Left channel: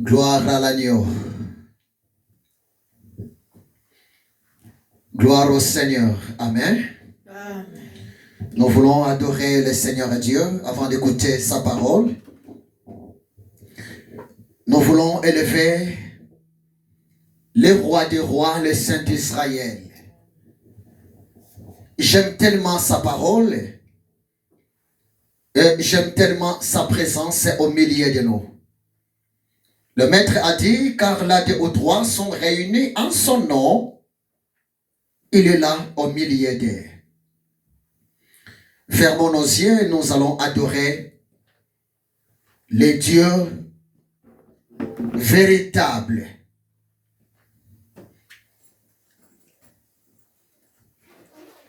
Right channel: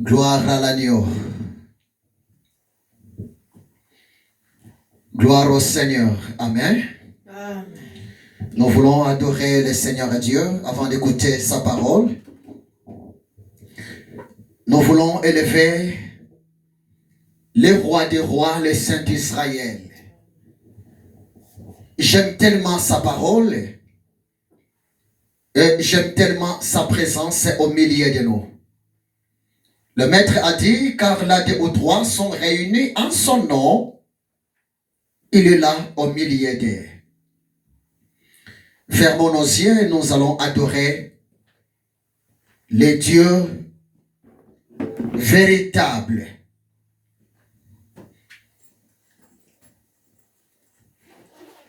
Gloire à l'agneau. Gloire au Seigneur. Amen. Amen. Nous voulons adorer le Seigneur Dieu avant d'écouter sa parole. Nous voulons élever le roi des rois, le Saint d'Israël. J'aime tellement sa parole et j'aime tellement sa présence au milieu de nous. Le Maître a dit, car là deux ou trois sont réunis en son nom, il est là au milieu d'eux. Fermons nos yeux et nous allons adorer le Dieu véritable.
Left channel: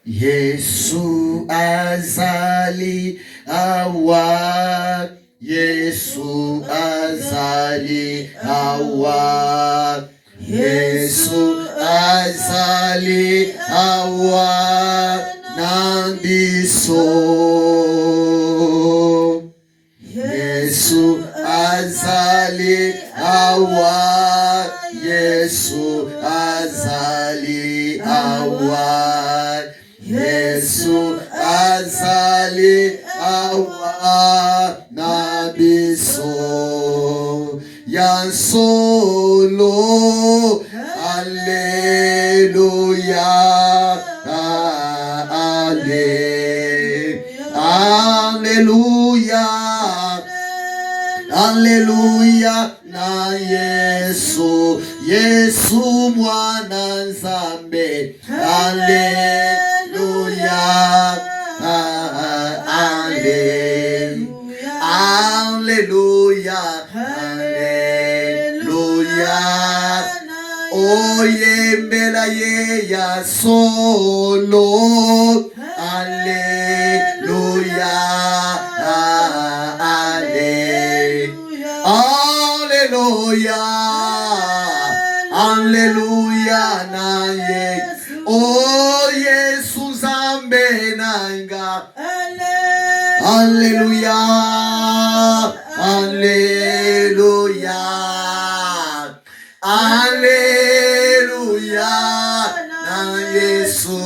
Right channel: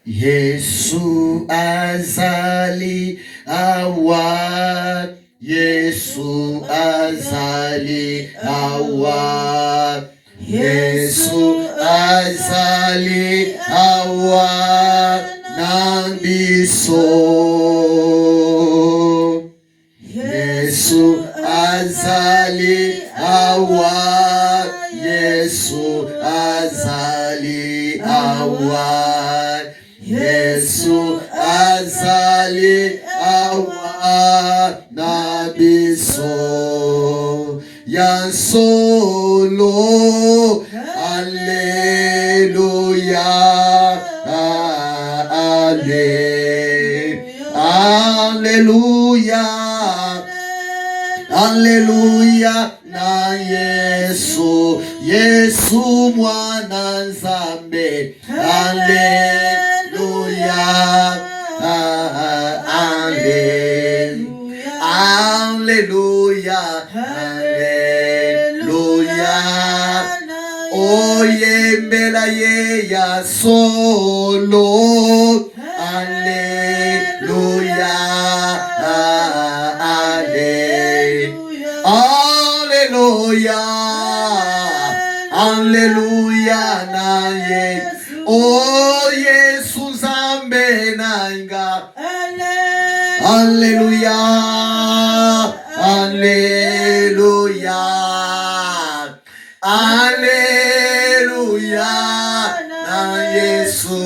Yesu azali awa, Yesu azali awa, Yesu azali awa nambiso. Yesu azali awa, Yesu azali awa, Yesu azali awa nabiso. Ya solo, Alleluia, Alleluia, Alleluia na Yesu, Yesu mwana Nzambe. Alleluia, Alleluia, Alleluia. Oyembela ye ya solo. Alleluia, Alleluia, Alleluia na ye. Oh Yesu Nzambe nanga. Alleluia, Alleluia, Alleluia na Yesu.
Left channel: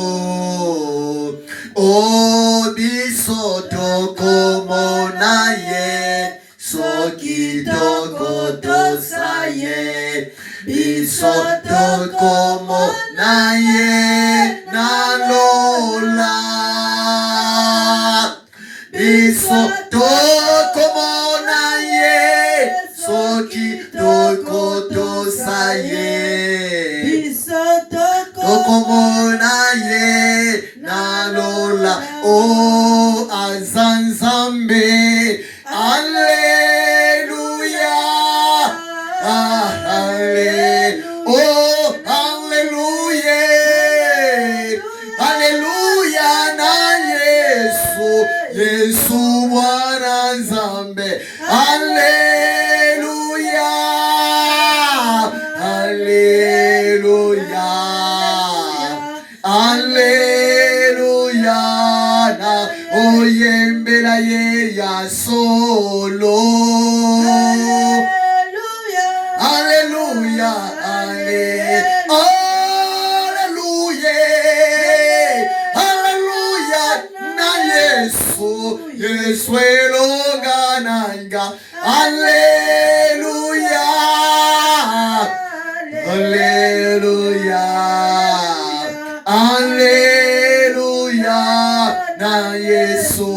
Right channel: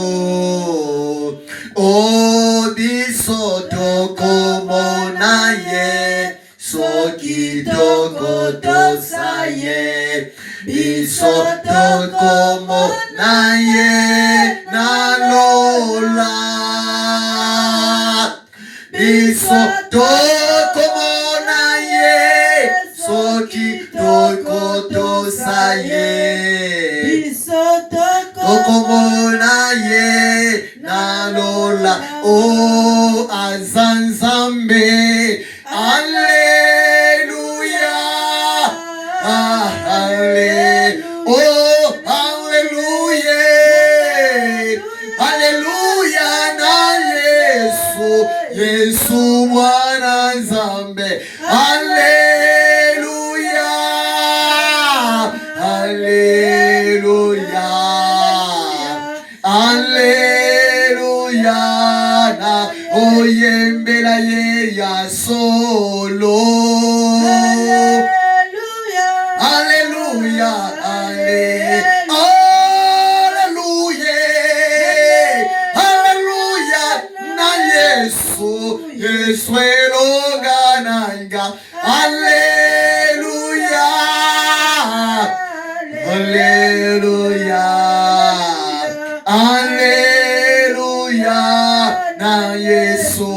Oh biso tokomo na ye, soki toko tosa ye. Biso tokomo na ye na lola. Biso tokomo na ye, soki toko tosa ye. Biso tokomo na ye na lola. Oh azanzambe. Alleluia, Alleluia, oh Alleluia, Alleluia na Yesu, Yesu mwana Nzambe. Alleluia, Alleluia, Alleluia na oyembela ye ya solo. Alleluia, Alleluia, Alleluia, Alleluia na Yesu, Yesu elogananga. Alleluia, Alleluia, Alleluia na Yesu.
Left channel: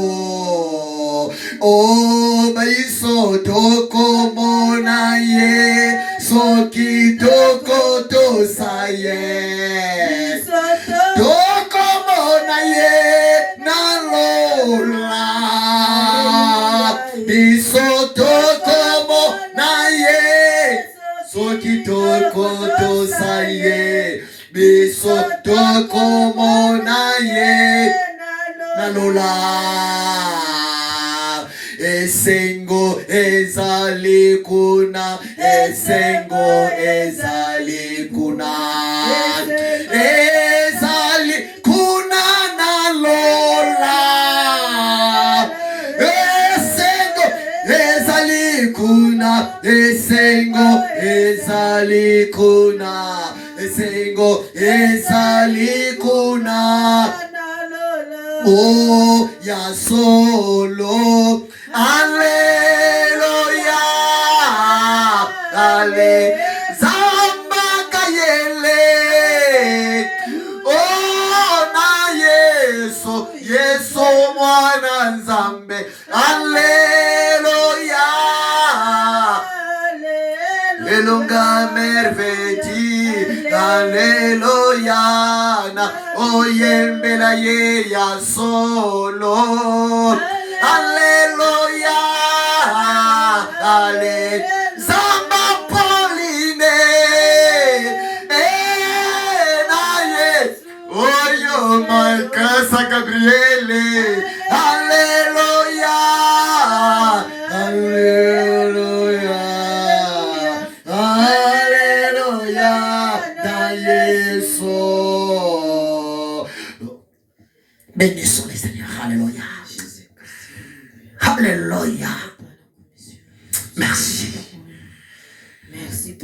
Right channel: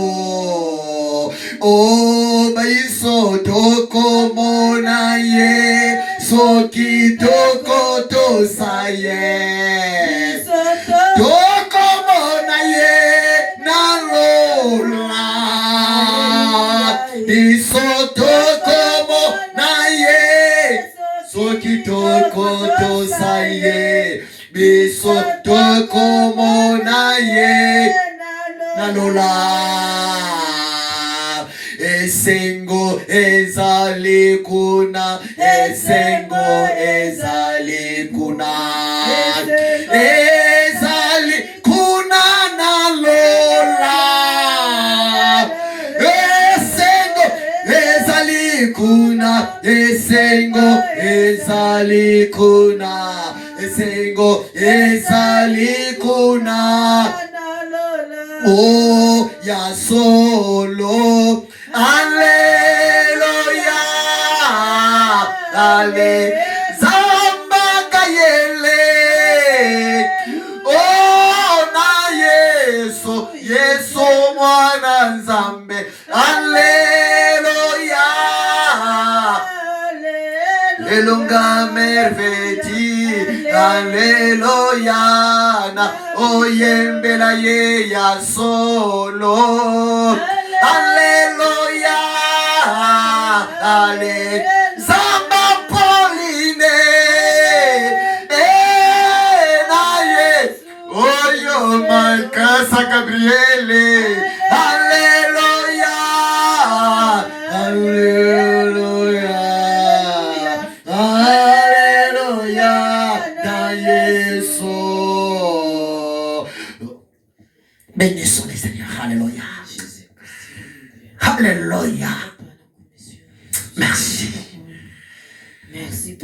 Oh baiso tokomo na ye, soki toko tosa ye. Tokomo na ye na lola. Biso tokomo na ye, soki toko tosa ye. Biso tokomo na ye na lola. Esengo ezali kuna, esengo ezali kuna, ezali kuna na lola. Esengo ezali kuna, esengo ezali kuna, esengo ezali kuna. Oh, ya solo, Alleluia, ale, zamba kayele, oh na Yesu, Yesu mwana nzambe, Alleluia, elonga merveille, Alleluia, na oyembela ye ya solo, Alleluia, ale, zamba Pauline, na ye, oyo malkasa Gabriele, Alleluia, Alleluia, Alleluia, na Yesu. Bénissons les Seigneurs, Alléluia. Alléluia. Merci. Merci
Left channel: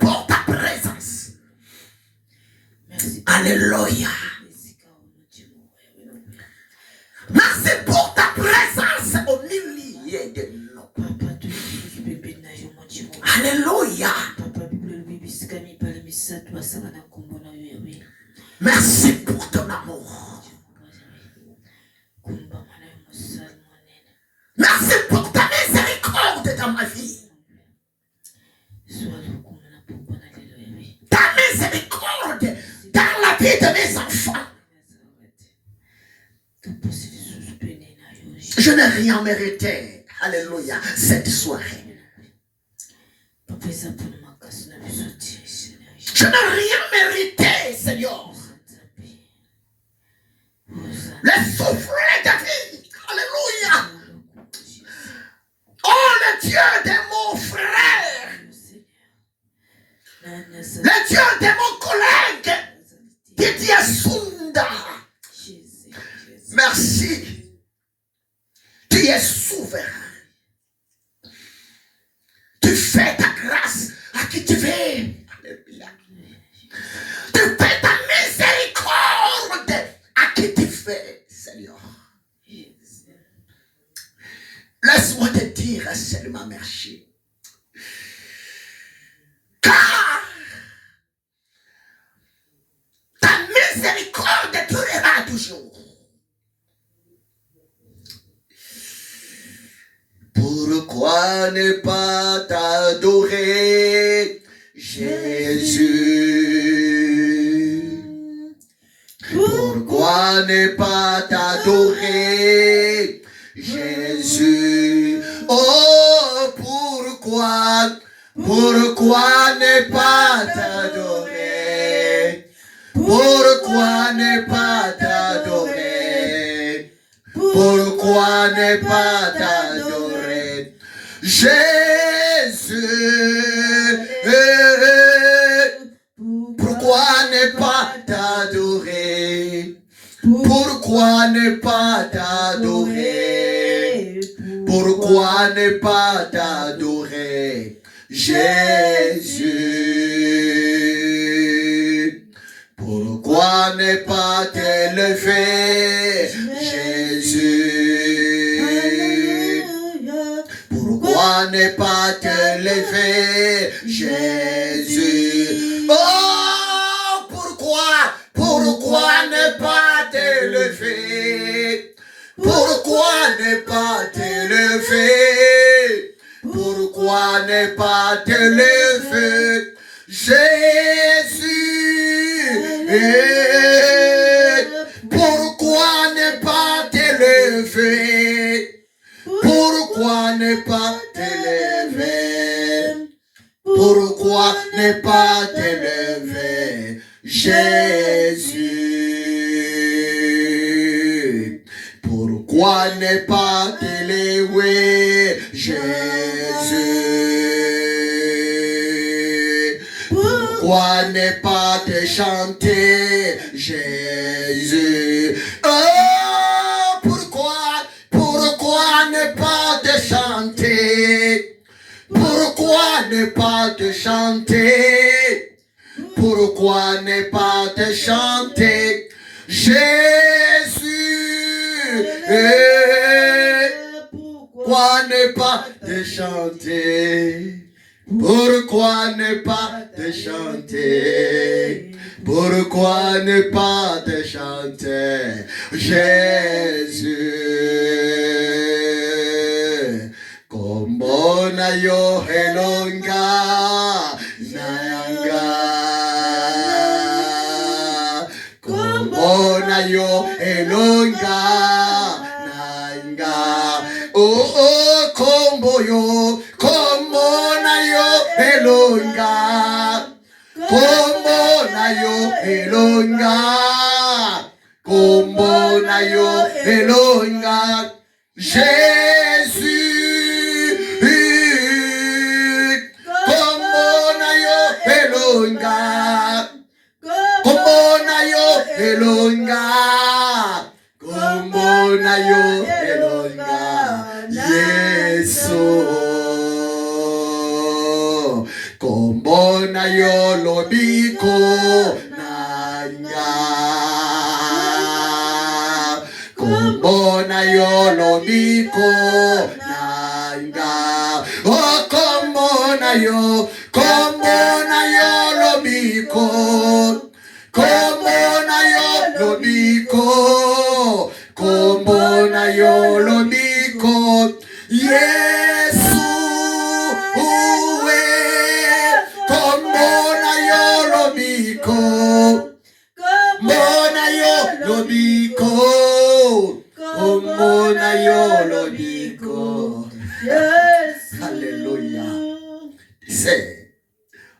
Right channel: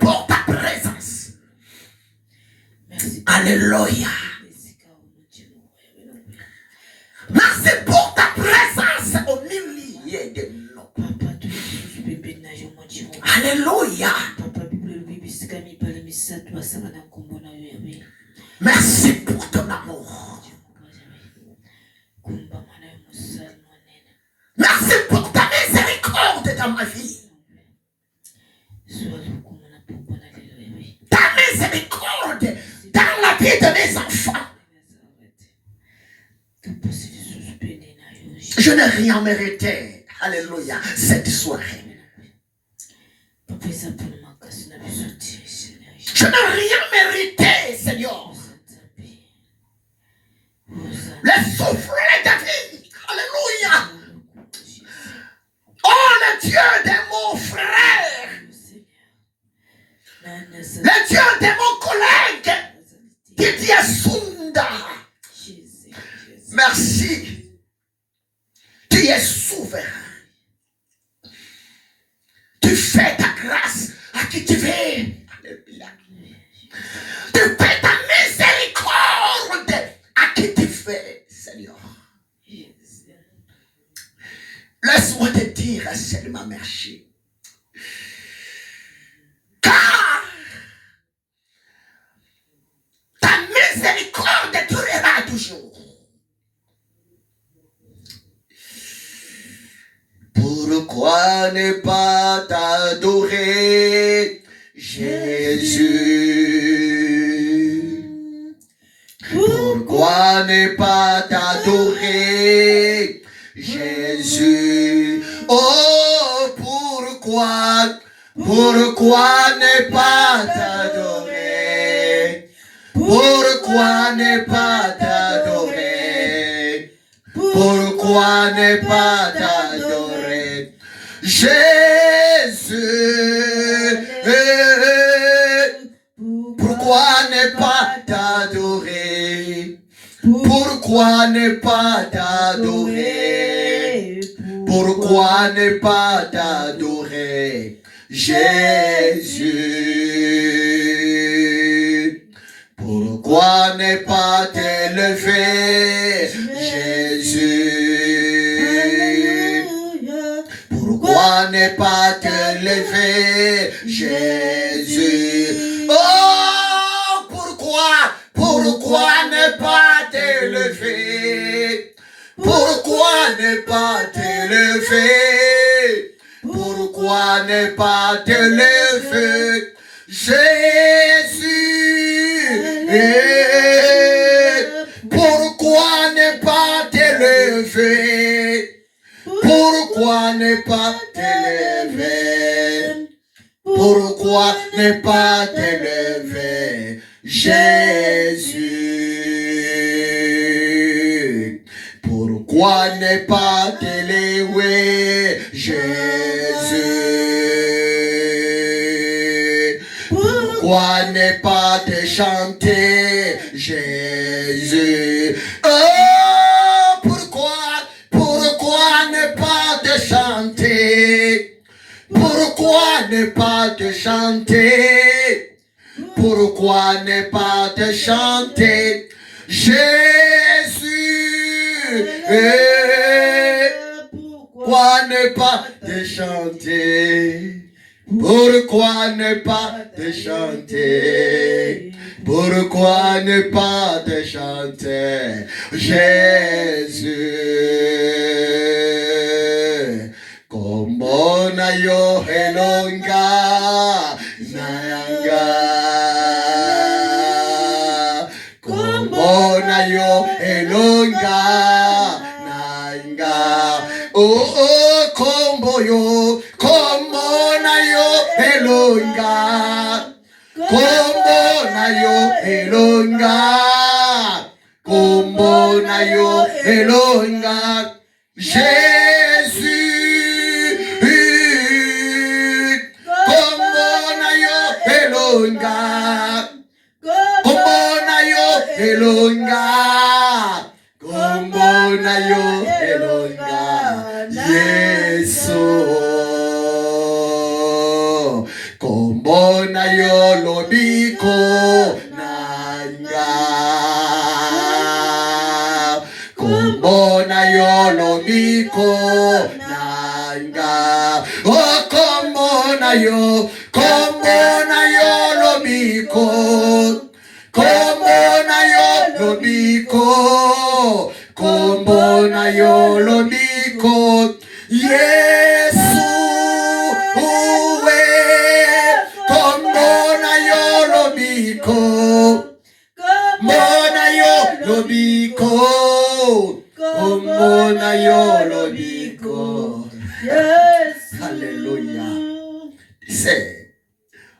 pour ta présence. Alléluia. Merci pour ta présence au milieu de nous. Alléluia. Merci pour ton amour. Merci pour ta miséricorde dans ma vie. Ta miséricorde dans la vie de mes enfants. Je n'ai rien mérité. Alléluia. Cette soirée. Je n'ai rien mérité, Seigneur. Le souffle de vie. Alléluia. Oh, le Dieu de mon frère. Le Dieu de mon collègue. Didier Sunda. Merci. Tu es souverain. Tu fais ta grâce à qui tu veux. Alléluia. Tu fais ta miséricorde à qui tu fais, Seigneur. Laisse-moi te dire seulement merci. Car ta miséricorde durera toujours. Pourquoi ne pas t'adorer, Jésus? Pourquoi ne pas t'adorer, Jésus? Oh, pourquoi ne pas t'adorer? Pourquoi ne pas t'adorer? Pourquoi ne pas t'adorer, Jésus? Pourquoi ne pas t'adorer? Pourquoi ne pas t'adorer? Pourquoi ne pas t'adorer, Jésus? Pourquoi ne pas t'élever, Jésus? Pourquoi ne pas t'élever, Jésus? Oh, pourquoi ne pas t'élever? Pourquoi ne pas t'élever? Pourquoi ne pas t'élever, Jésus? Pourquoi ne pas t'élever? Pourquoi ne pas t'élever? Pourquoi ne pas t'élever, Jésus? Pourquoi ne pas t'élever, Jésus? Pourquoi ne pas te chanter, Jésus? Oh, pourquoi ne pas te chanter? Pourquoi Pourquoi ne pas te chanter? Pourquoi ne pas te chanter? Jésus, pourquoi ne pas te chanter? Pourquoi ne pas te chanter? Pourquoi ne pas te chanter? Jésus, como na yo helonga nanga, como na yo helonga nanga, oh oh combo yo, como na yo helonga, como na yo helonga, como na yo helonga, Jésus, como na yo helonga, como na yo helonga, como na yo helonga, Yesu, como na yo lobiko nanga, como na yo lobiko nanga, oh como na yo lobiko, como na yo lobiko, como na yo lobiko, Yesu, como na yo lobiko, como na yo lobiko, como na yo lobiko. Alléluia. C'est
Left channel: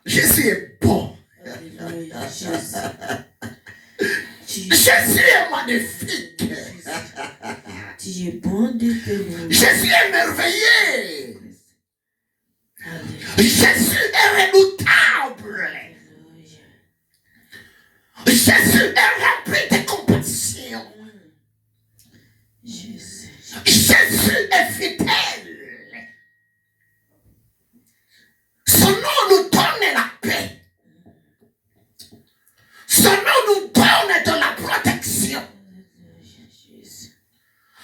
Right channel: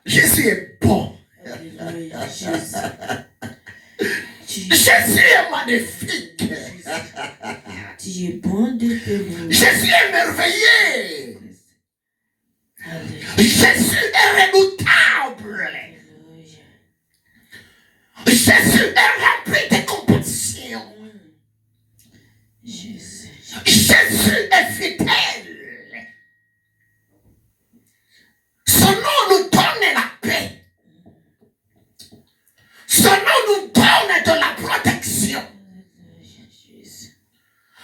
Jésus est bon. Jésus est magnifique. Jésus est merveilleux. Jésus est redoutable. Jésus est rempli de compassion. Jésus est fidèle. Son nom nous donne la paix. Son nom nous donne de la protection.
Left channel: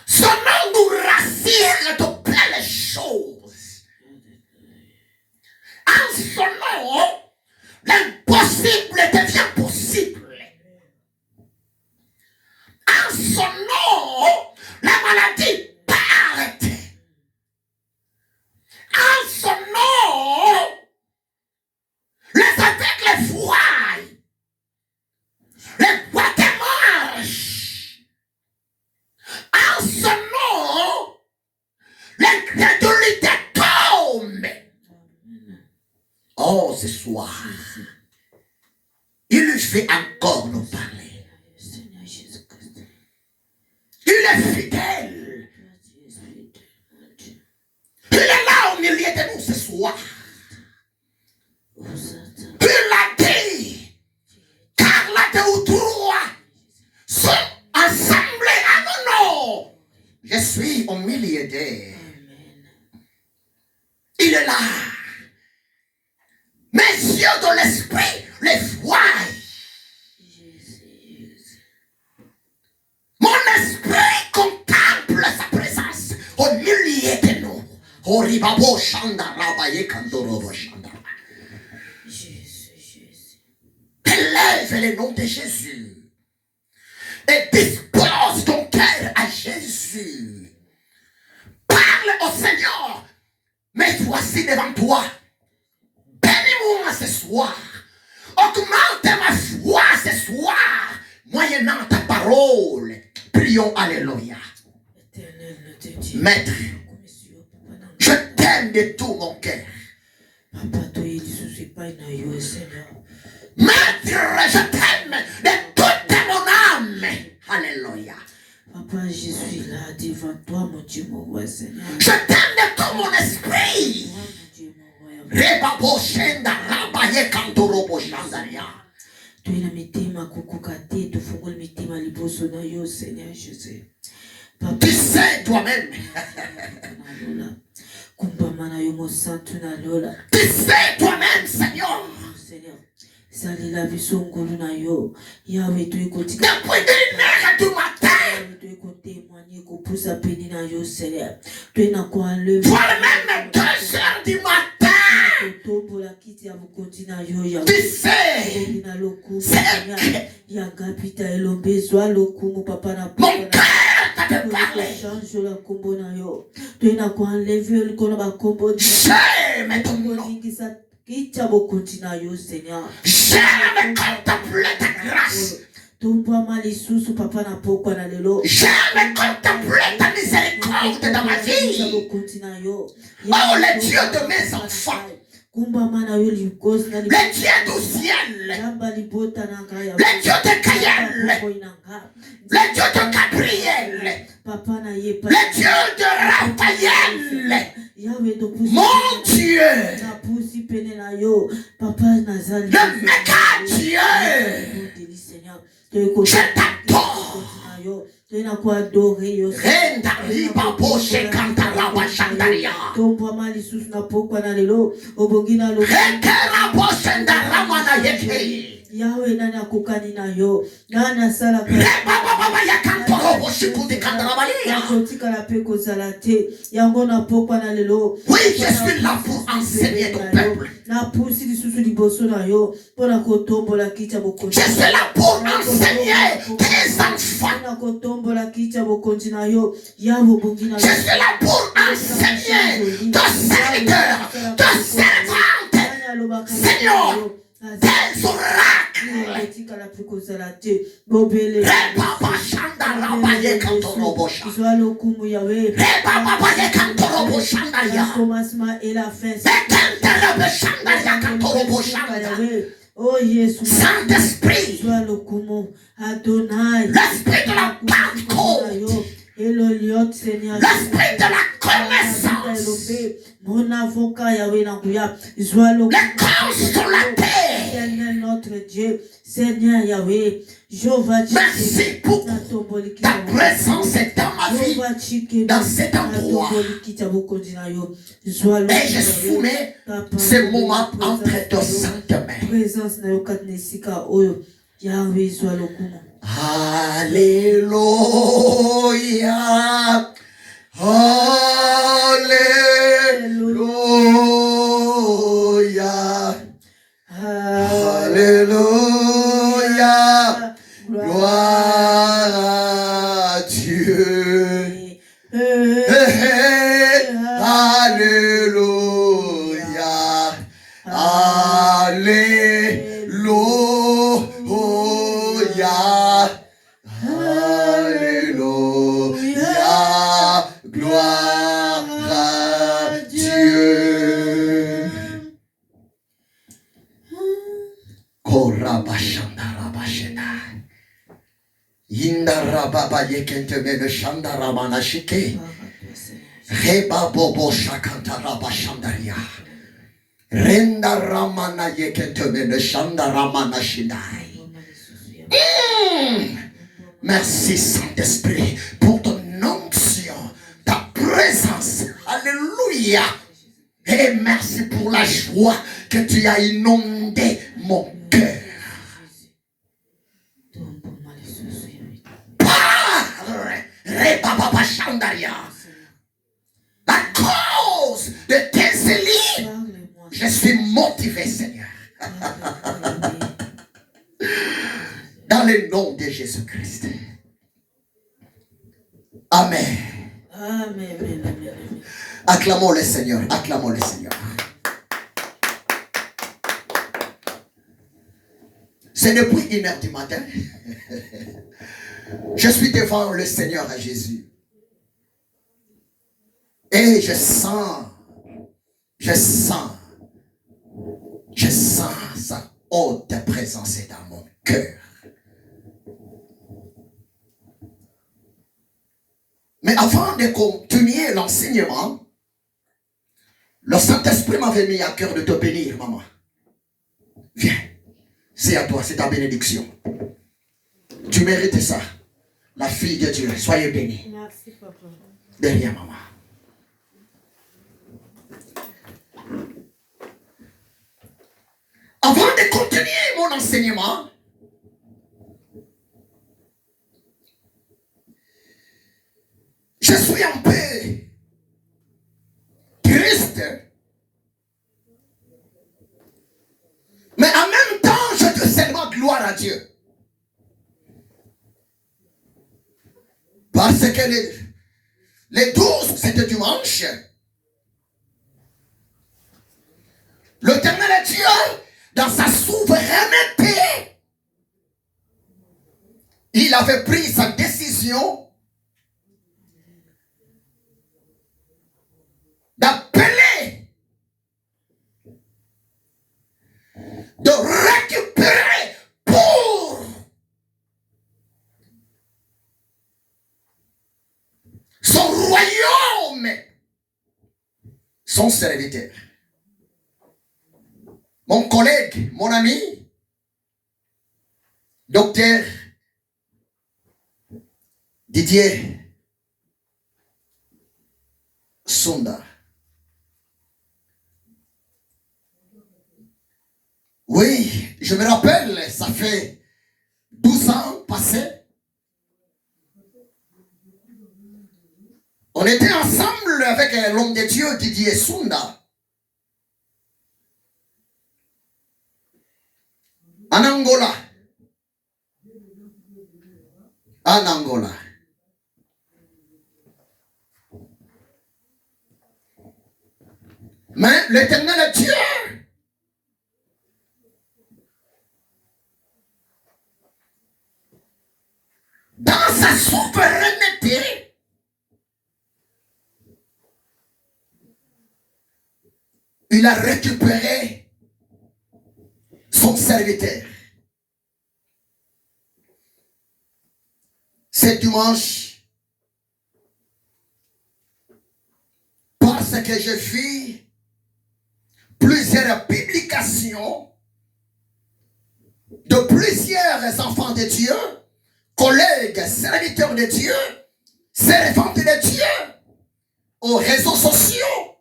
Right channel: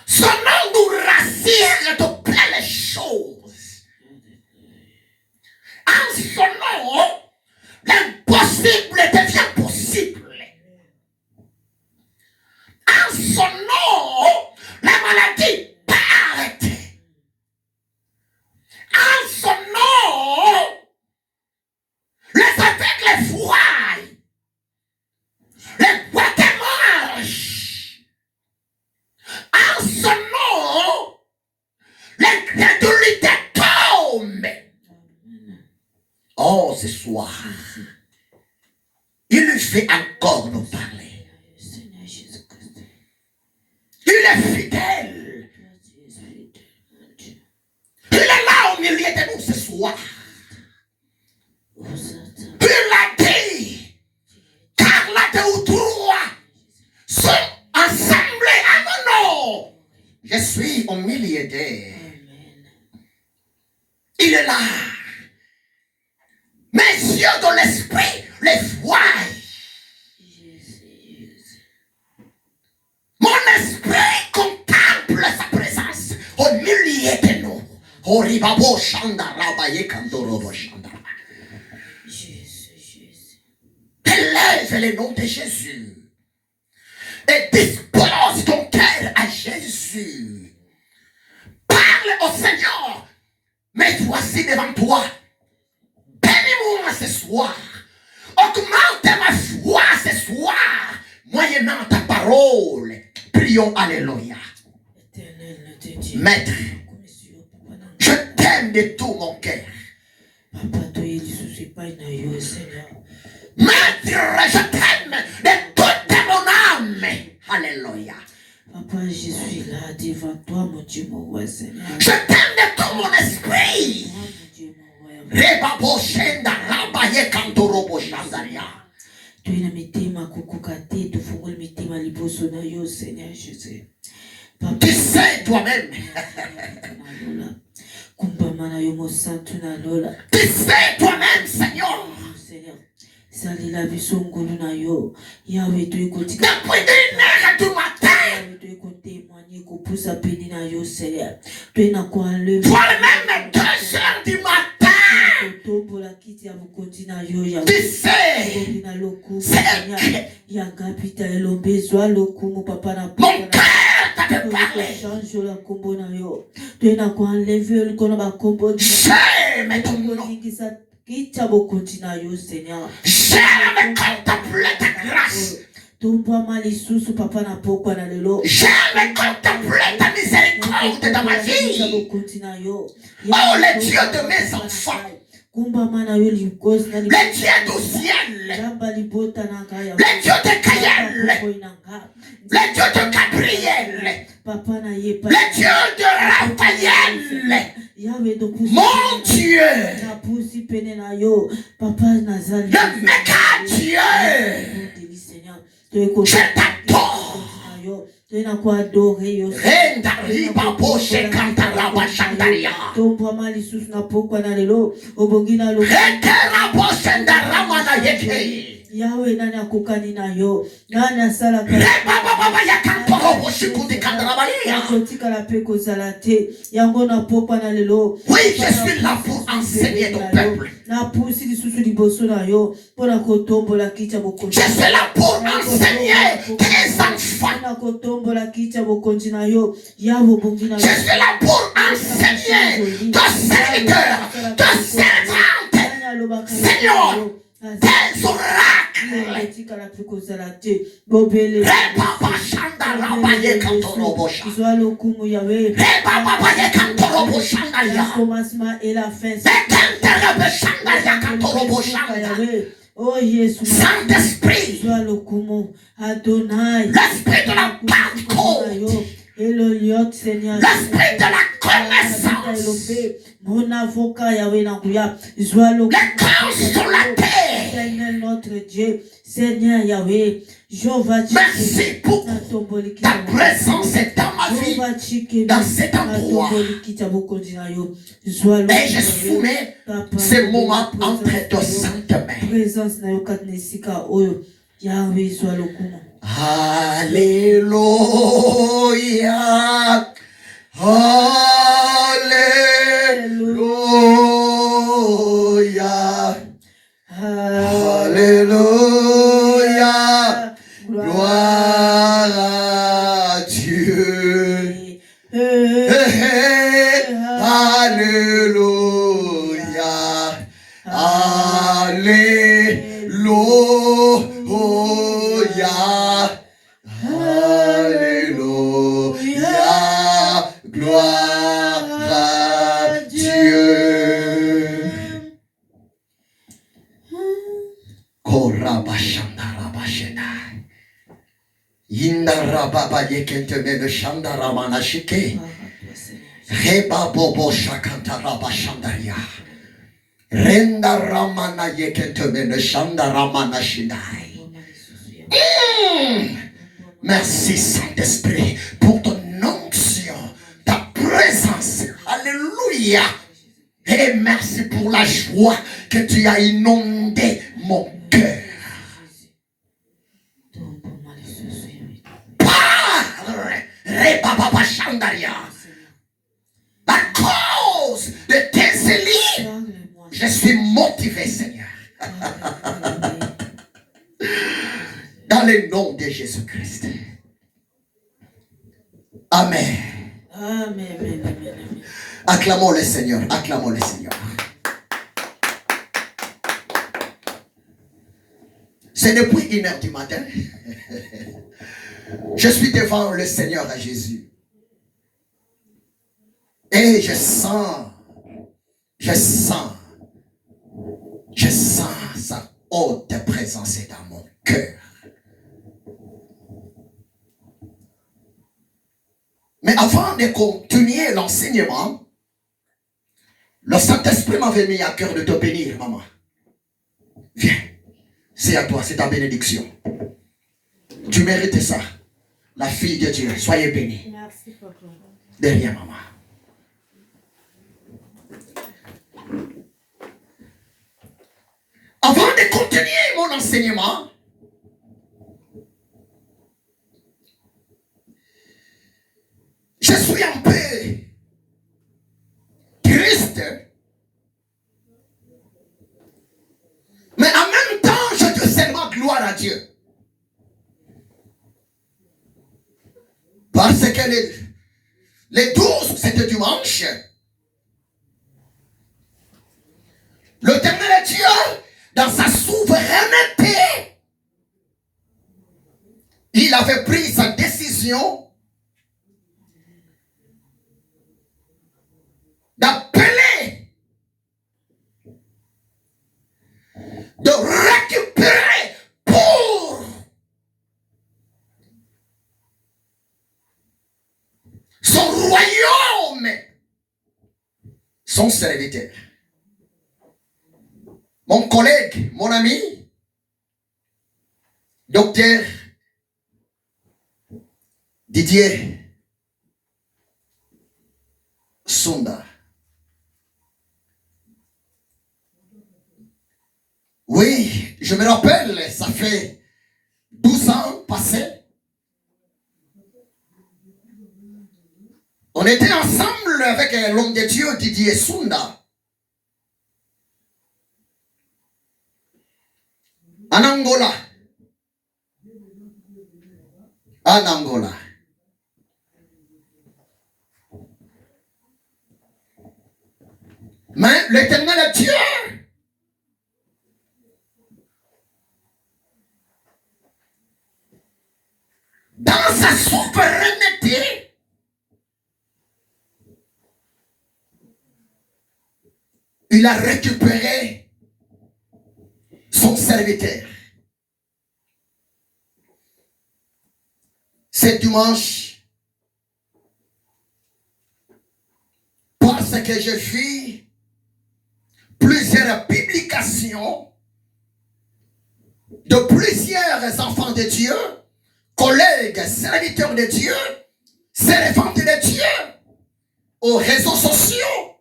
Son nom nous rassure de belles choses. En son nom, l'impossible devient possible. En son nom, la maladie part. En son nom, les aveugles voient. Les boîtes marchent. En son nom, l'incrédulité tombe. Oh, ce soir, il lui fait encore nous parler. Il est fidèle. Il est là au milieu de nous ce soir. Il a dit, car là deux ou trois sont assemblés à mon nom. Je suis au milieu d'eux. Il est là. Mes yeux de l'esprit les voient. Mon esprit contemple sa présence au milieu de nous. Horibabo Shandara Kandorobo Shandara. Élève le nom de Jésus et dispose ton cœur à Jésus. Parle au Seigneur. Mais voici devant toi. Bénis-moi ce soir. Augmente ma foi ce soir. Moyennant ta parole. Prions Alléluia. Maître, je t'aime de tout mon cœur. Maître, je t'aime de toute mon âme. Alléluia. Papa, je suis là devant toi, mon Dieu, mon roi, Seigneur. Je t'aime de tout mon esprit. Rebabo Shenda Rabaye Kandorobo Shandaria. Tu es la mitima kukukate, tu fungul mitima liboso na yo, Seigneur Jésus. Tu sais toi-même. Tu sais toi-même, Seigneur. Depuis 1h du matin, toi-même 2h du matin, tu sais, mon cœur t'a de parler. J'aime ton nom. J'aime contempler ta grâce. J'aime contempler ta miséricorde dans ma vie. Oh, le Dieu de mes enfants. Le Dieu du ciel. Le Dieu de Gaël. Le Dieu de Gabriel. Le Dieu de Raphaël. Mon Dieu. Le méga Dieu. Je t'adore. Renda riba boshe kantara bashandaria. Rekera boshe ndaramana yeke. Yahweh nani akukani nayo nani asala baba yakantoro boshikundi kandrabalia. Oui, je suis là pour enseigner ton peuple. Je suis là pour enseigner tes enfants. Je suis là pour enseigner tes serviteurs, tes servantes. Seigneur, tes oracles. Papa Shanda Rabaye Kantorobo Shanda. Papa Ye Kantorobo Shanda Ya. Mekanterebe Shanda Ya Kantorobo Shanda. Oh Jésus, Saint-Esprit, Adonai, l'esprit de la Pentecôte, l'esprit de la connaissance, mon avocat Yahweh Nanguya, le consolateur. Seigneur notre Dieu, Seigneur Yahweh, merci pour ta présence dans ma vie, dans cet endroit. Et je soumets ce moment entre tes saintes mains. Alléluia. Alléluia. Alléluia. Gloire à Dieu. Alléluia. Alléluia. Alléluia. Gloire à Dieu. Korabashandarabashena. Indarababa yekenteme shandaramana shike. Reba bobo shakantarabashandaria. Renda ramana yekenteme shandaramana shinai. Merci Saint-Esprit pour ton onction, ta présence. Alléluia. Et merci pour la joie que tu as inondé mon cœur. À cause de tes élits, je suis motivé, Seigneur. Dans le nom de Jésus-Christ. Amen. Amen. Acclamons le Seigneur. Acclamons le Seigneur. C'est depuis 1h du matin. Je suis devant le Seigneur à Jésus. Et je sens sa haute présence dans mon cœur. Mais avant de continuer l'enseignement, le Saint-Esprit m'avait mis à cœur de te bénir, maman. Viens, c'est à toi, c'est ta bénédiction. Tu mérites ça. La fille de Dieu, soyez bénie. Merci, papa. Derrière maman. Avant de continuer mon enseignement, je suis un peu triste, mais en même temps, je dis seulement gloire à Dieu. Parce que les 12, c'était dimanche. L'Éternel Dieu, dans sa souveraineté, il avait pris sa décision d'appeler, de récupérer pour son royaume, son serviteur. Mon collègue, mon ami, docteur Didier Sunda. Oui, je me rappelle, ça fait 12 ans passés. On était ensemble avec l'homme de Dieu Didier Sunda. En Angola. En Angola. Mais l'Éternel Dieu dans sa souveraineté il a récupéré son serviteur. Ce dimanche, parce que je fais plusieurs publications de plusieurs enfants de Dieu, collègues, serviteurs de Dieu, servantes de Dieu, aux réseaux sociaux.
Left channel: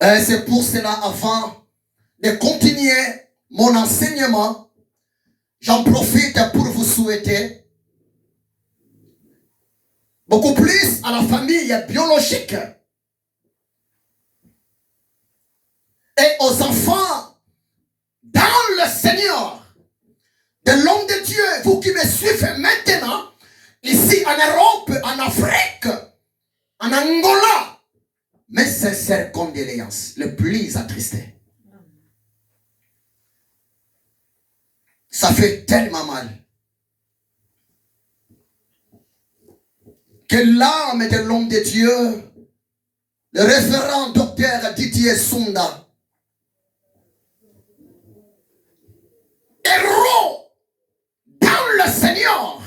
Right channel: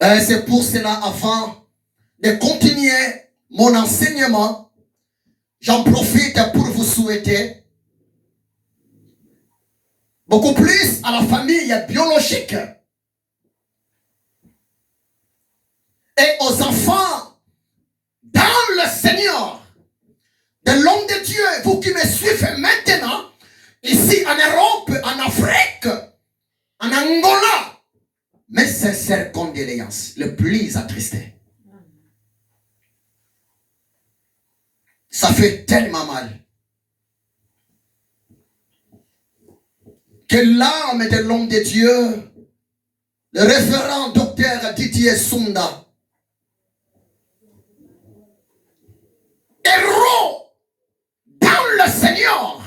Et c'est pour cela, avant de continuer mon enseignement, j'en profite pour vous souhaiter beaucoup plus à la famille biologique et aux enfants dans le Seigneur, de l'homme de Dieu, vous qui me suivez maintenant, ici en Europe, en Afrique, en Angola, mes sincères condoléances, le plus attristé. Ça fait tellement mal que l'âme de l'homme de Dieu, le référent docteur Didier Sunda, héros dans le Seigneur,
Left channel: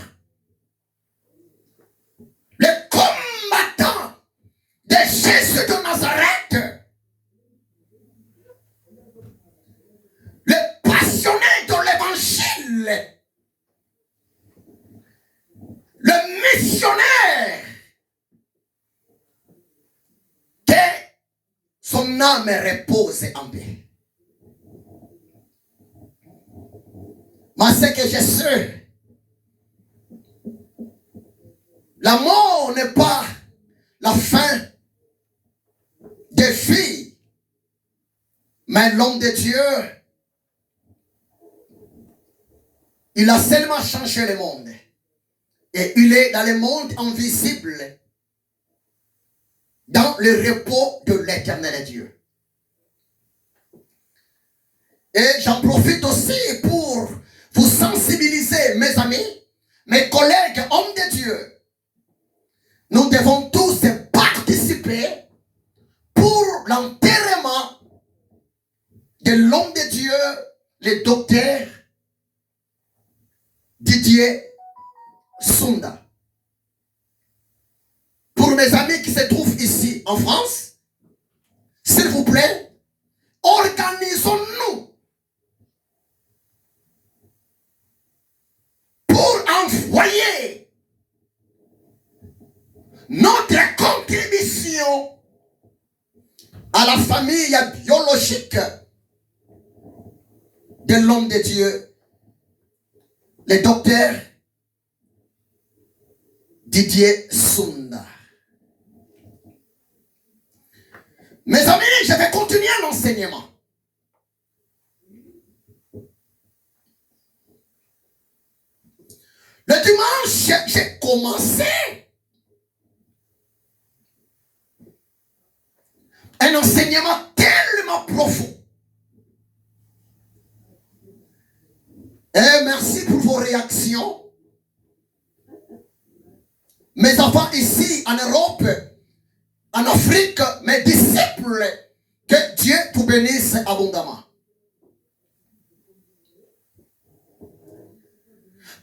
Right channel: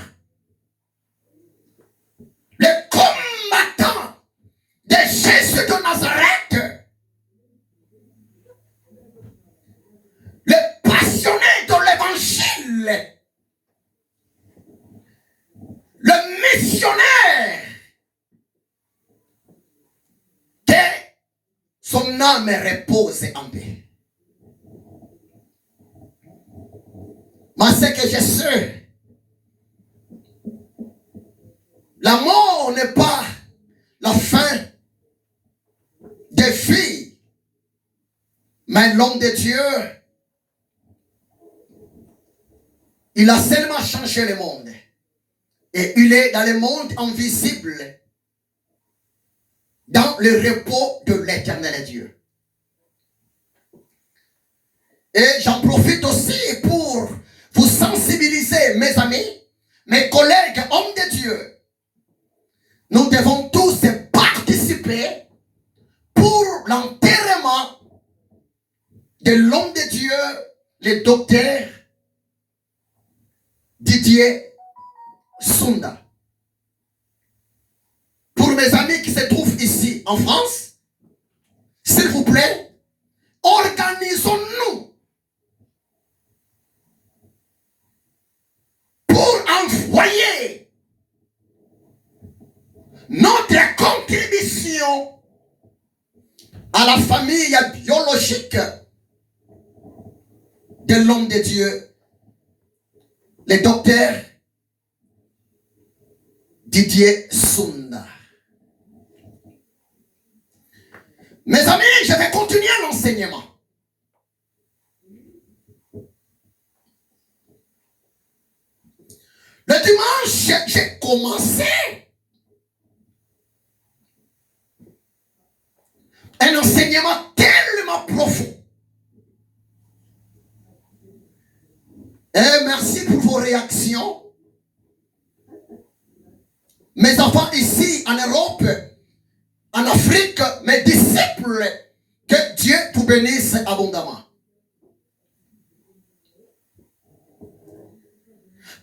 le combattant de Jésus de Nazareth, le passionné de l'évangile, le missionnaire, que son âme repose en paix. Mais ce que je sais, la mort n'est pas la fin des filles, mais l'homme de Dieu, il a seulement changé le monde. Et il est dans le monde invisible, dans le repos de l'Éternel Dieu. Et j'en profite aussi pour vous sensibiliser, mes amis, mes collègues, hommes de Dieu. Nous devons tous participer pour l'enterrement de l'homme de Dieu, le docteur Didier Sunda. Pour mes amis qui se trouvent ici en France, s'il vous plaît, organisons-nous pour envoyer notre contribution à la famille biologique de l'homme de Dieu, le docteur Didier Sunda. Mes amis, je vais continuer l'enseignement. Le dimanche, j'ai commencé un enseignement tellement profond. Et merci pour vos réactions. Mes enfants ici en Europe, en Afrique, mes disciples, que Dieu vous bénisse abondamment.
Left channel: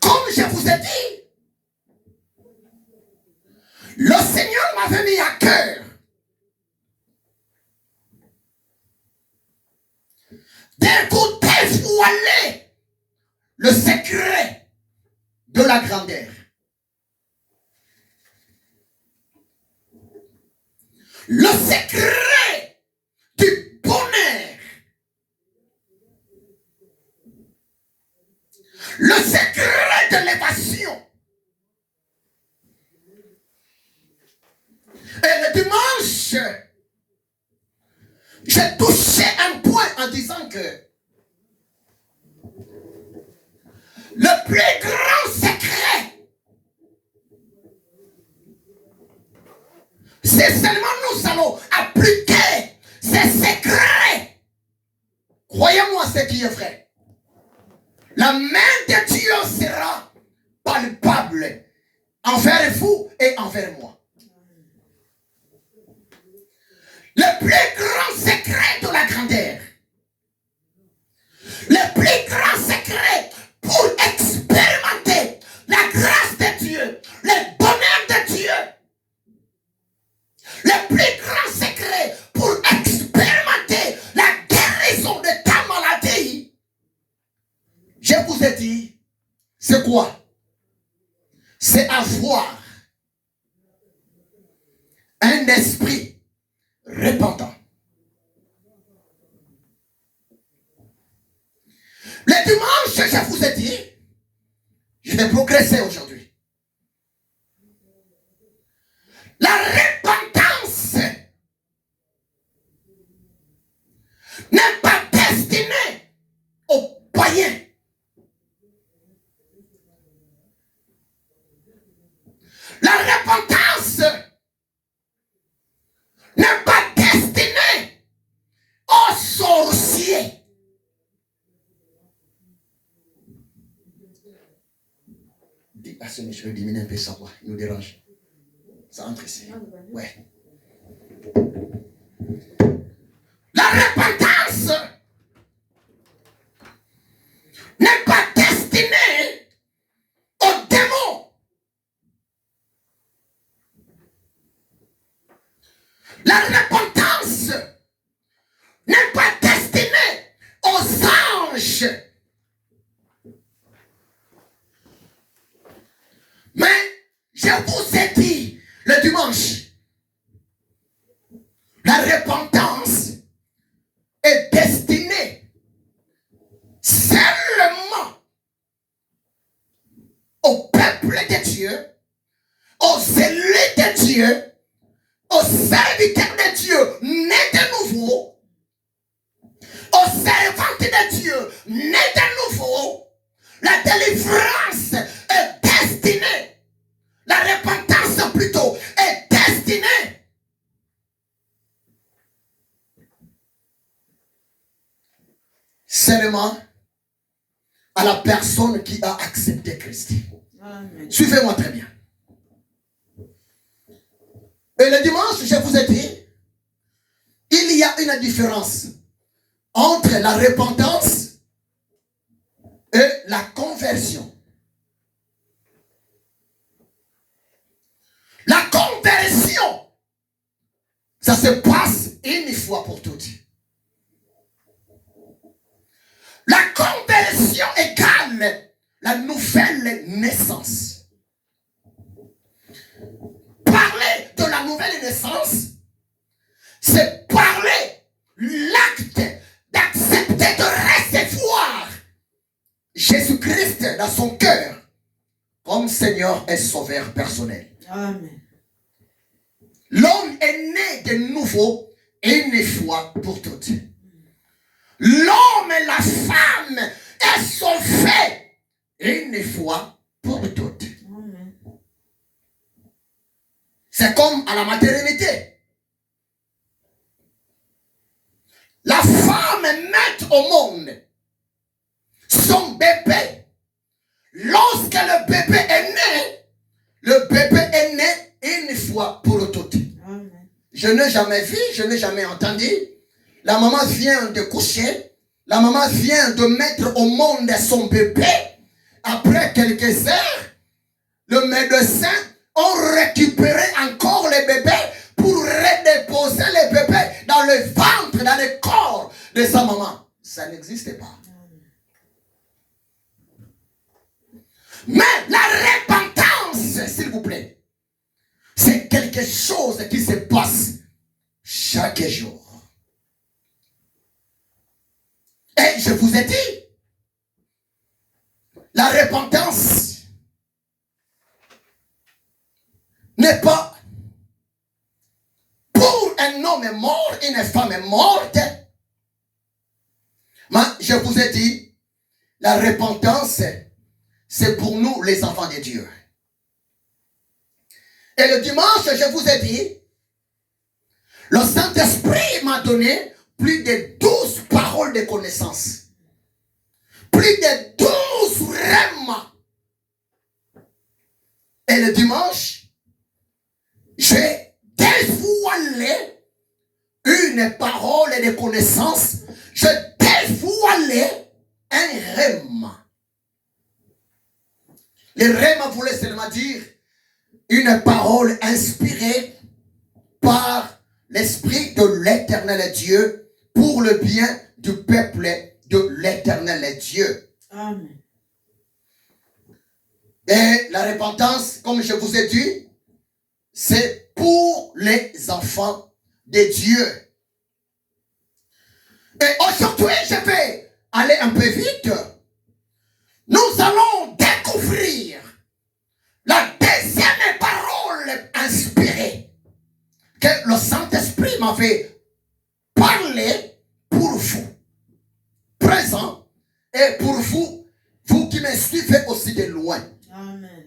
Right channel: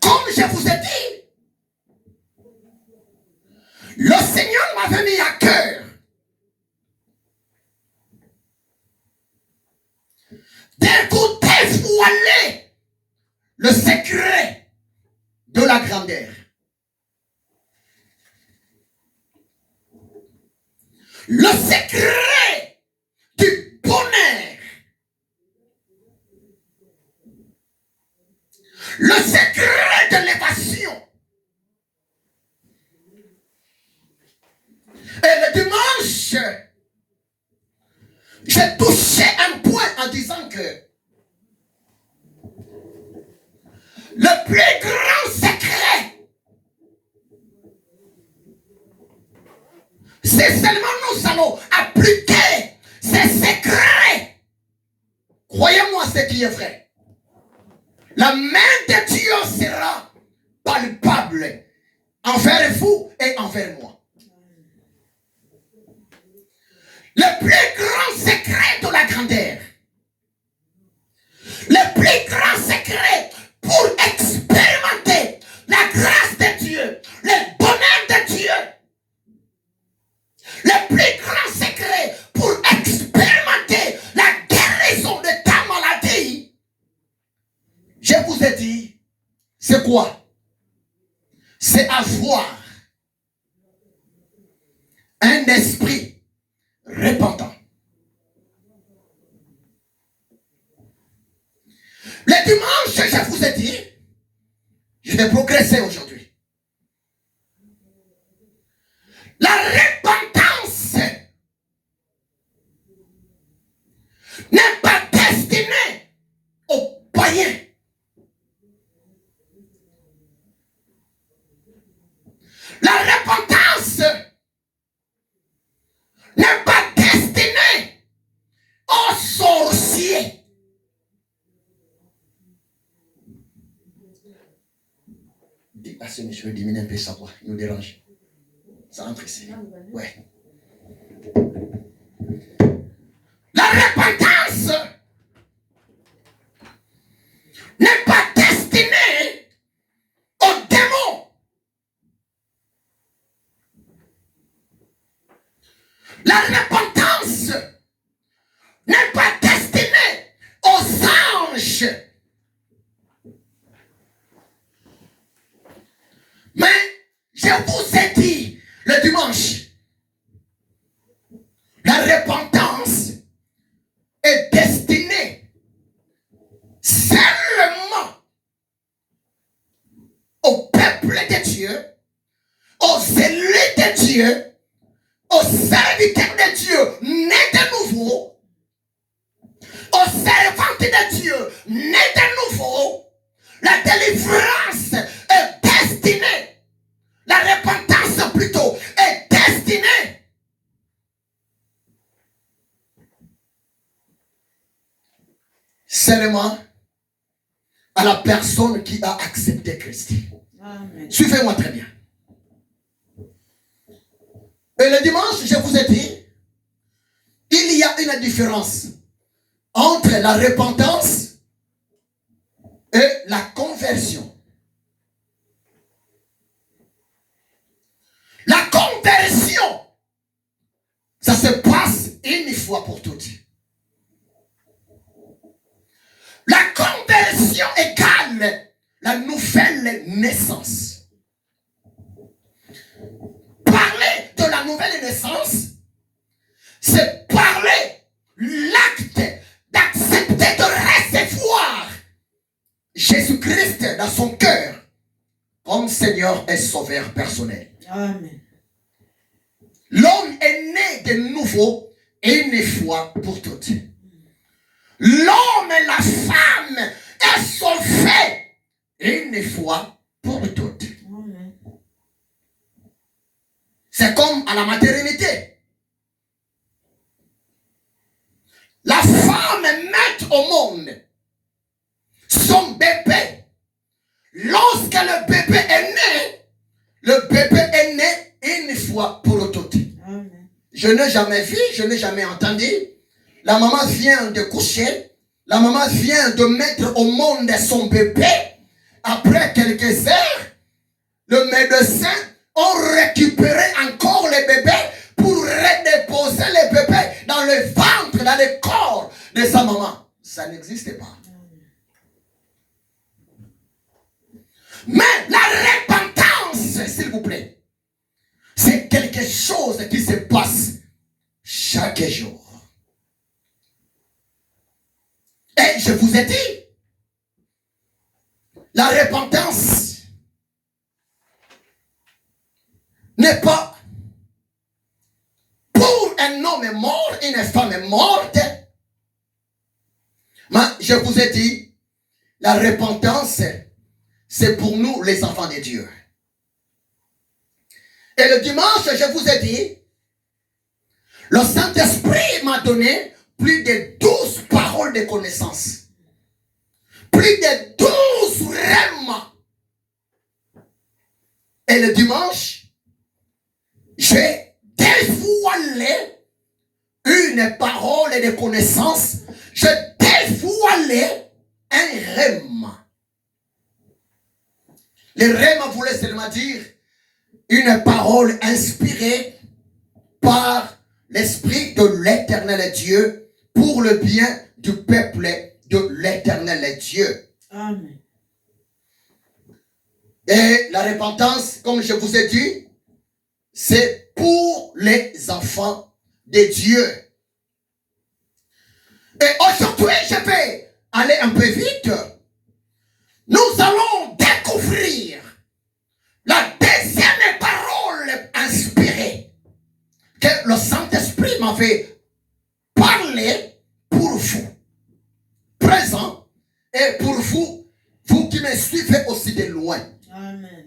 Comme je vous ai dit, le Seigneur m'avait mis à cœur de vous dévoiler le secret de la grandeur. Le secret du bonheur. Le secret de l'évasion. Et le dimanche, j'ai touché un point en disant que le plus grand secret, c'est seulement nous allons appliquer ces secrets. Croyez-moi ce qui est vrai. La main de Dieu sera palpable envers vous et envers moi. Le plus grand secret de la grandeur, le plus grand secret pour expérimenter la grâce de Dieu, le bonheur de Dieu, le plus grand secret pour expérimenter la guérison de ta maladie, je vous ai dit, c'est quoi? C'est avoir un esprit repentant. Le dimanche, je vous ai dit, je vais progresser aujourd'hui. La repentance n'est pas destinée aux païens. La repentance n'est pas destinée aux sorciers. Dis à ce je vais diminuer un peu ça, quoi. Il nous dérange. Ça entre ici. Ouais. La repentance n'est pas destinée aux démons. La repentance n'est pas destinée aux anges. Mais je vous ai dit le dimanche, la repentance est destinée seulement au peuple de Dieu, aux élus de Dieu, aux serviteurs de Dieu nés de nouveau, aux servantes de Dieu nés de nouveau. La délivrance est destinée, la repentance plutôt est destinée seulement à la personne qui a accepté Christ. Amen. Suivez-moi très bien. Et le dimanche, je vous ai dit, il y a une différence entre la repentance et la conversion. La conversion, ça se passe une fois pour toutes. La conversion égale la nouvelle naissance. Parler de la nouvelle naissance, c'est parler l'acte d'accepter de recevoir dans son cœur comme Seigneur et Sauveur personnel. Amen. L'homme est né de nouveau une fois pour toutes. L'homme et la femme est sauvé une fois pour toutes. Amen. C'est comme à la maternité. La femme met au monde son bébé. Lorsque le bébé est né une fois pour toutes. Amen. Je n'ai jamais vu, je n'ai jamais entendu. La maman vient de coucher. La maman vient de mettre au monde son bébé. Après quelques heures, le médecin a récupéré encore le bébé pour redéposer le bébé dans le ventre, dans le corps de sa maman. Ça n'existe pas. Mais la repentance, s'il vous plaît, c'est quelque chose qui se passe chaque jour. Et je vous ai dit, la repentance n'est pas pour un homme mort, une femme morte. Mais je vous ai dit, la repentance, c'est pour nous les enfants de Dieu. Et le dimanche, je vous ai dit, le Saint-Esprit m'a donné plus de 12 paroles de connaissance. Plus de 12 rèmes. Et le dimanche, j'ai dévoilé une parole de connaissance. J'ai dévoilé un rème. Le rème voulait seulement dire une parole inspirée par l'Esprit de l'Éternel Dieu pour le bien du peuple de l'Éternel Dieu. Amen. Et la repentance, comme je vous ai dit, c'est pour les enfants de Dieu. Et aujourd'hui, je vais aller un peu vite. Nous allons découvrir la deuxième parole inspirée que le Saint-Esprit m'avait parlé pour vous, présent, et pour vous, vous qui me suivez aussi de loin. Amen.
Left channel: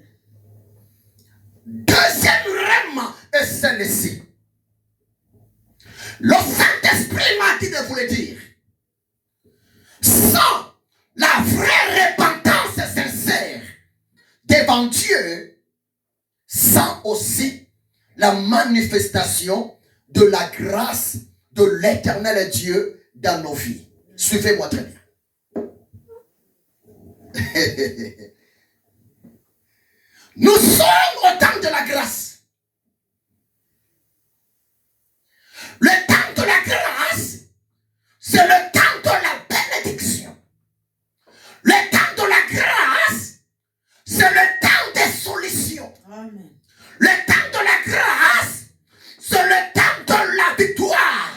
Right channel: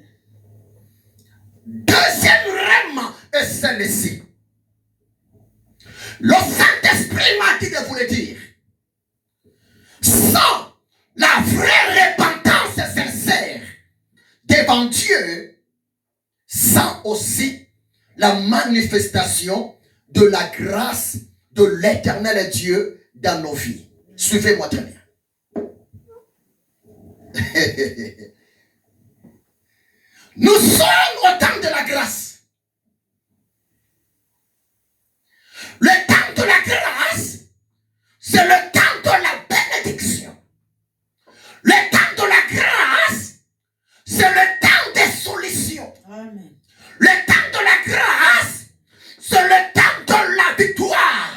Deuxième rème est celle-ci. Le Saint-Esprit m'a dit de vous le dire. Sans la vraie repentance sincère devant Dieu, sans aussi la manifestation de la grâce de l'Éternel Dieu dans nos vies. Suivez-moi très bien. Nous sommes au temps de la grâce. Le temps de la grâce, c'est le temps de la bénédiction. Le temps de la grâce, c'est le temps des solutions. Amen. Le temps de la grâce, c'est le temps de la victoire.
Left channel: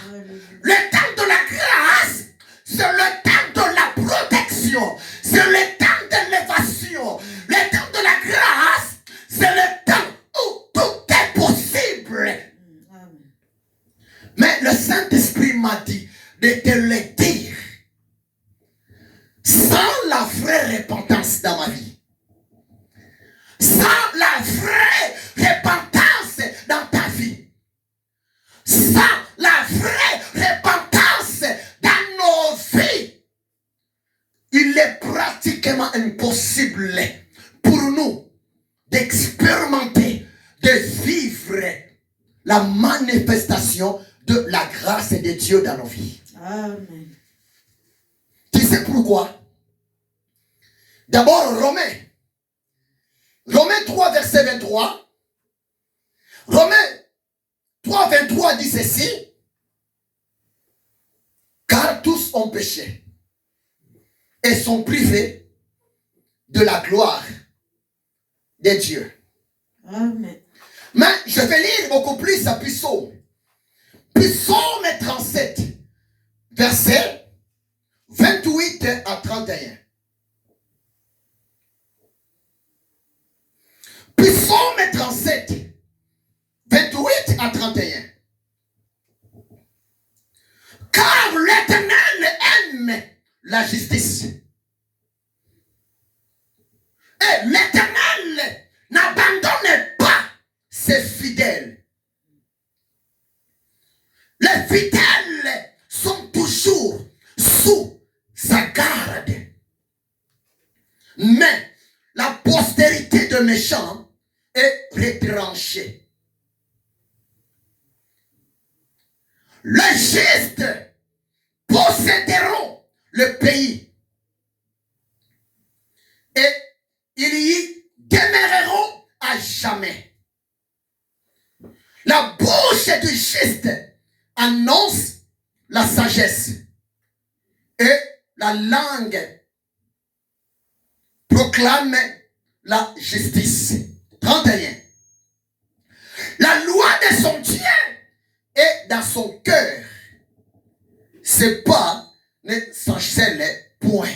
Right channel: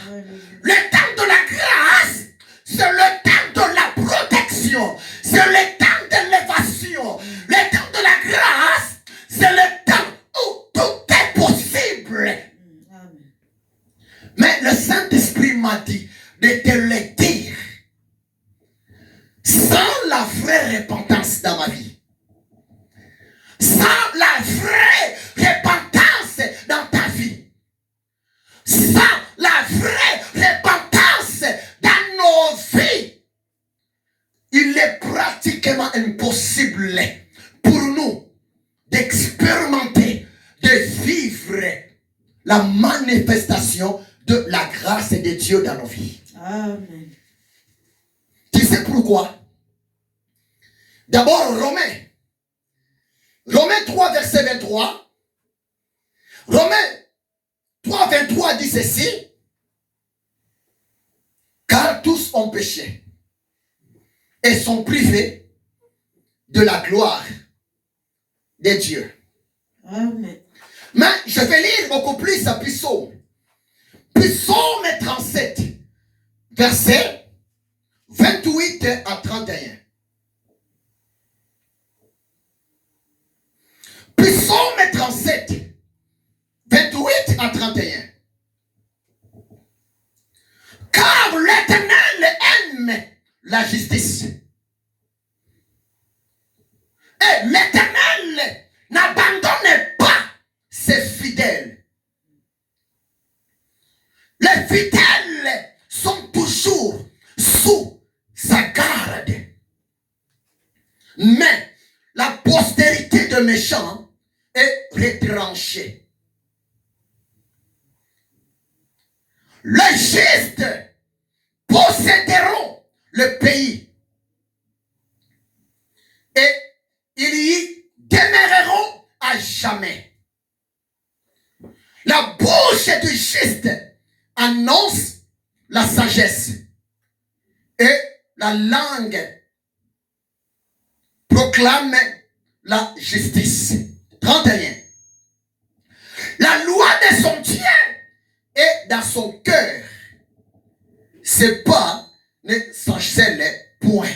Le temps de la grâce, c'est le temps de la protection. C'est le temps de l'élévation. Le temps de la grâce, c'est le temps où tout est possible. Amen. Mais le Saint-Esprit m'a dit de te le dire. Sans la vraie repentance dans ma vie, sans la vraie repentance dans ta vie, sans la vraie repentance dans nos vies, il est pratiquement impossible pour nous d'expérimenter, de vivre la manifestation de la grâce de Dieu dans nos vies. Amen. Tu sais pourquoi? D'abord, Romains 3, verset 23. Romains 3, 23 dit ceci. Car tous ont péché et sont privés de la gloire de Dieu. Amen. Mais je vais lire beaucoup plus à Psaume. Psaume 37, verset 28 à 31. la justice. Et l'Éternel n'abandonne pas ses fidèles. Les fidèles sont toujours sous sa garde. Mais la postérité de méchants est retranchée. Les justes posséderont le pays et ils y demeureront à jamais. La bouche du juste annonce la sagesse et la langue proclame la justice. 31. La loi de son Dieu est dans son cœur. Ses pas ne s'enchaînent point.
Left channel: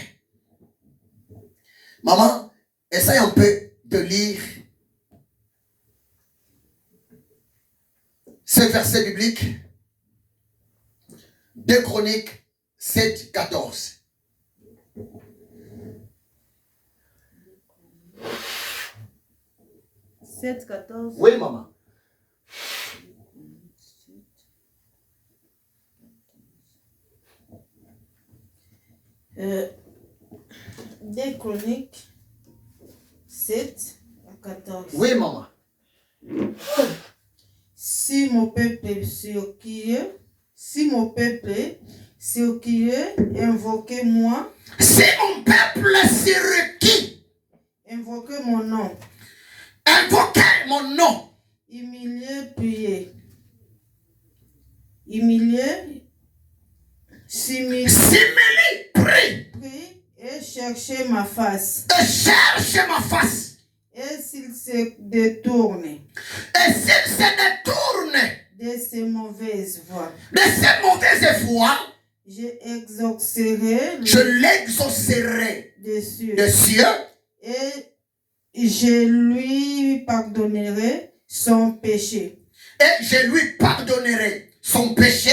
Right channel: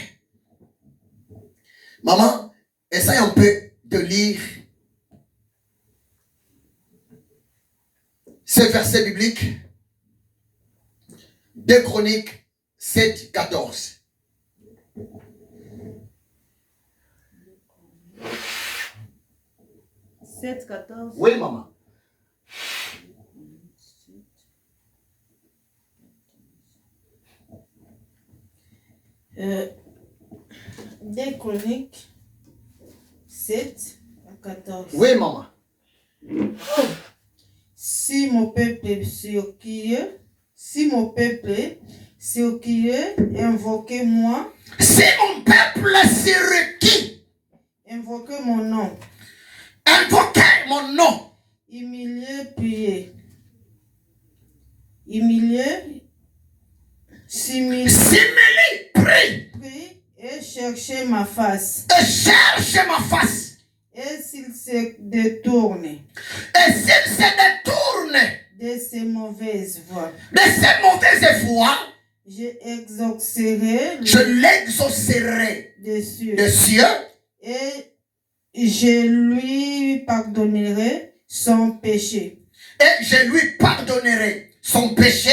Maman, essaye un peu de lire ce verset biblique. 2 Chroniques 7, 14. Oui, maman. Des Chroniques 7 à 14. Oui, maman. Si mon peuple sur qui invoquez-moi. Si mon peuple sur qui Invoquez mon nom. Invoquez mon nom. Humiliez, priez. Humiliez, simili, Prie. prie et cherchez ma face. Et cherche ma face. Et s'il se détourne Et s'il se détourne de ses mauvaises voies, de ses mauvaises voies, je l'exaucerai des cieux. des cieux Et je lui pardonnerai son péché. et je lui pardonnerai son péché.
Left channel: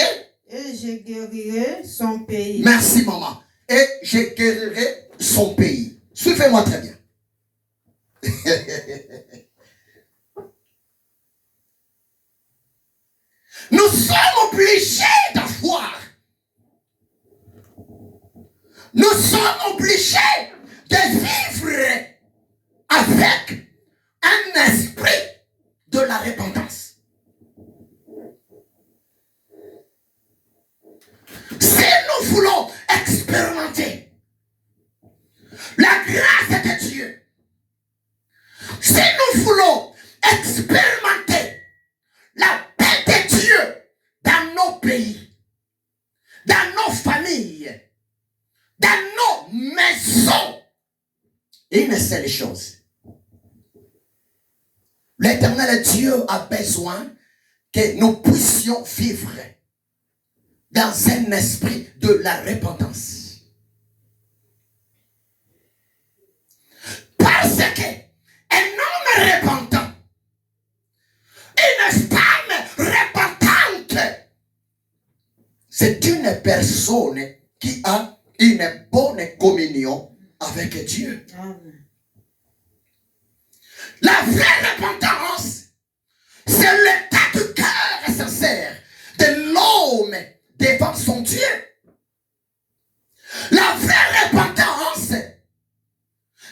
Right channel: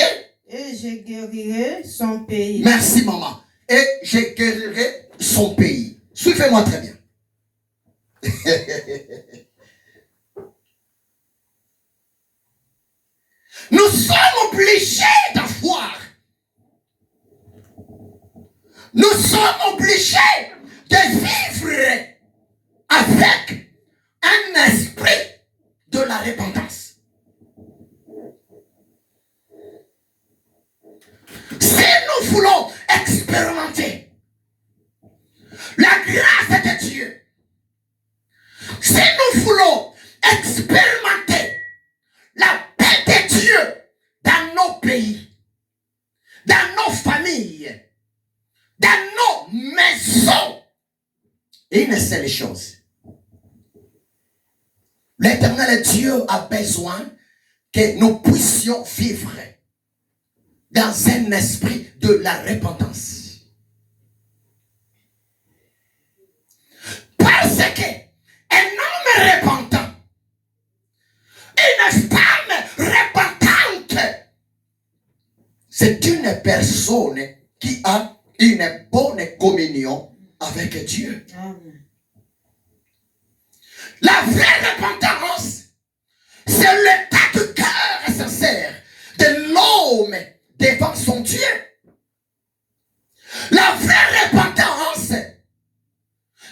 Et je guérirai son pays. Merci, maman. Et je guérirai son pays. Suivez-moi très bien. Nous sommes obligés d'avoir. Nous sommes obligés de vivre avec un esprit de la repentance. Si nous voulons expérimenter la grâce de Dieu, si nous voulons expérimenter la paix de Dieu dans nos pays, dans nos familles, dans nos maisons, une seule chose. L'Éternel Dieu a besoin que nous puissions vivre dans un esprit de la repentance. Parce que un homme repentant, une femme repentante, c'est une personne qui a une bonne communion avec Dieu. Amen. La vraie repentance, c'est l'état de cœur sincère de l'homme devant son Dieu. La vraie repentance,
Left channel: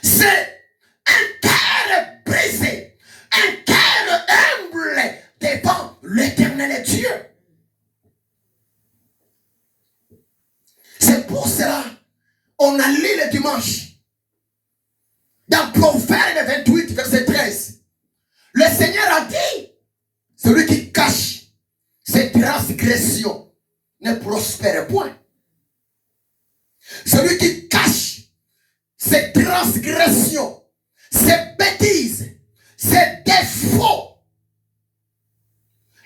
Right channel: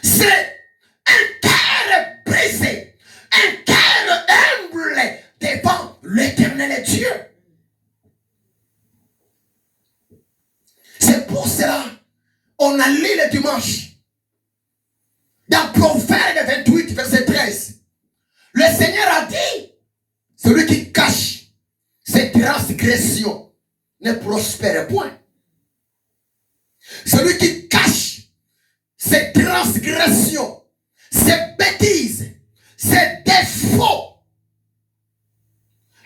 c'est un cœur brisé, un cœur humble devant l'Éternel Dieu. C'est pour cela on a lu le dimanche dans Proverbe 28, verset 13. Le Seigneur a dit, celui qui cache ses transgressions ne prospère point. Celui qui cache ses transgressions, ses bêtises, ses défauts,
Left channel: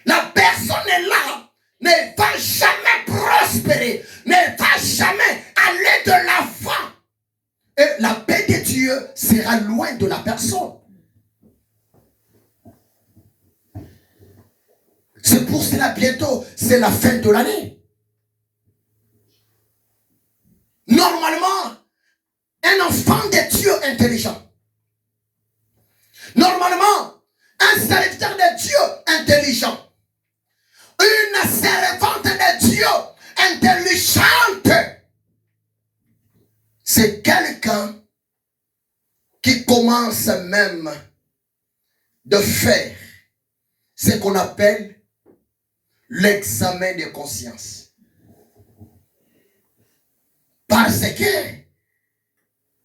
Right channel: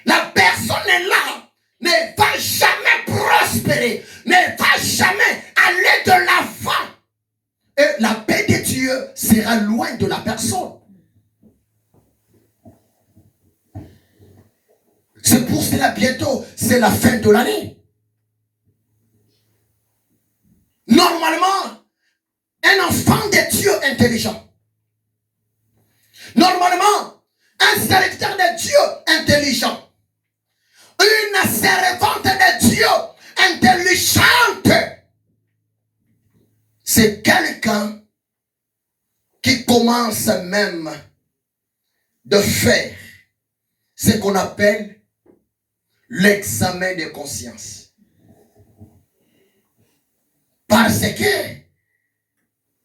la personne là ne va jamais prospérer, ne va jamais aller de l'avant. Et la paix de Dieu sera loin de la personne. C'est pour cela bientôt, c'est la fin de l'année. Normalement, intelligent. Normalement, un serviteur de Dieu intelligent, une servante de Dieu intelligente, c'est quelqu'un qui commence même de faire ce qu'on appelle l'examen de conscience. Parce que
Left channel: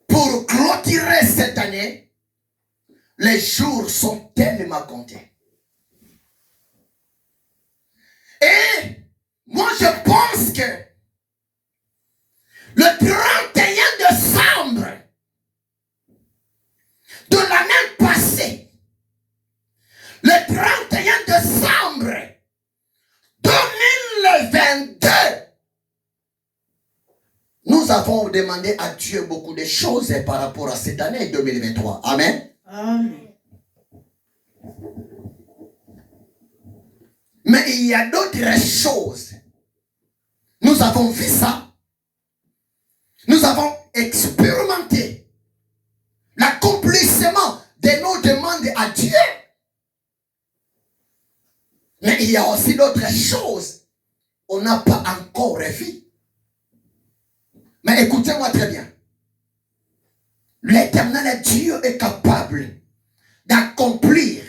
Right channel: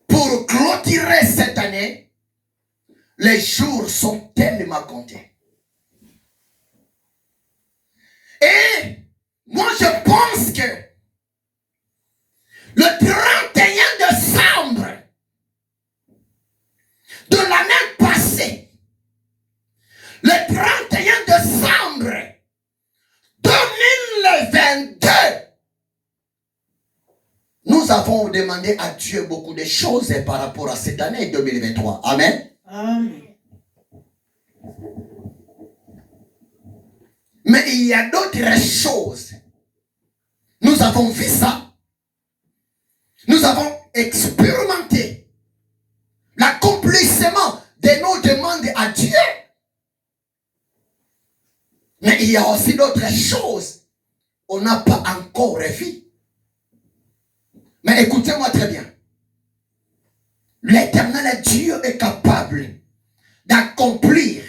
pour clôturer cette année, les jours sont tellement comptés. Et moi je pense que le 31 décembre de l'année passée, le 31 décembre 2022, nous avons demandé à Dieu beaucoup de choses par rapport à cette année 2023. Amen. Amen. Mais il y a d'autres choses. Nous avons vu ça. Nous avons expérimenté l'accomplissement de nos demandes à Dieu. Mais il y a aussi d'autres choses qu'on n'a pas encore vues. Mais écoutez-moi très bien. L'Éternel Dieu est capable d'accomplir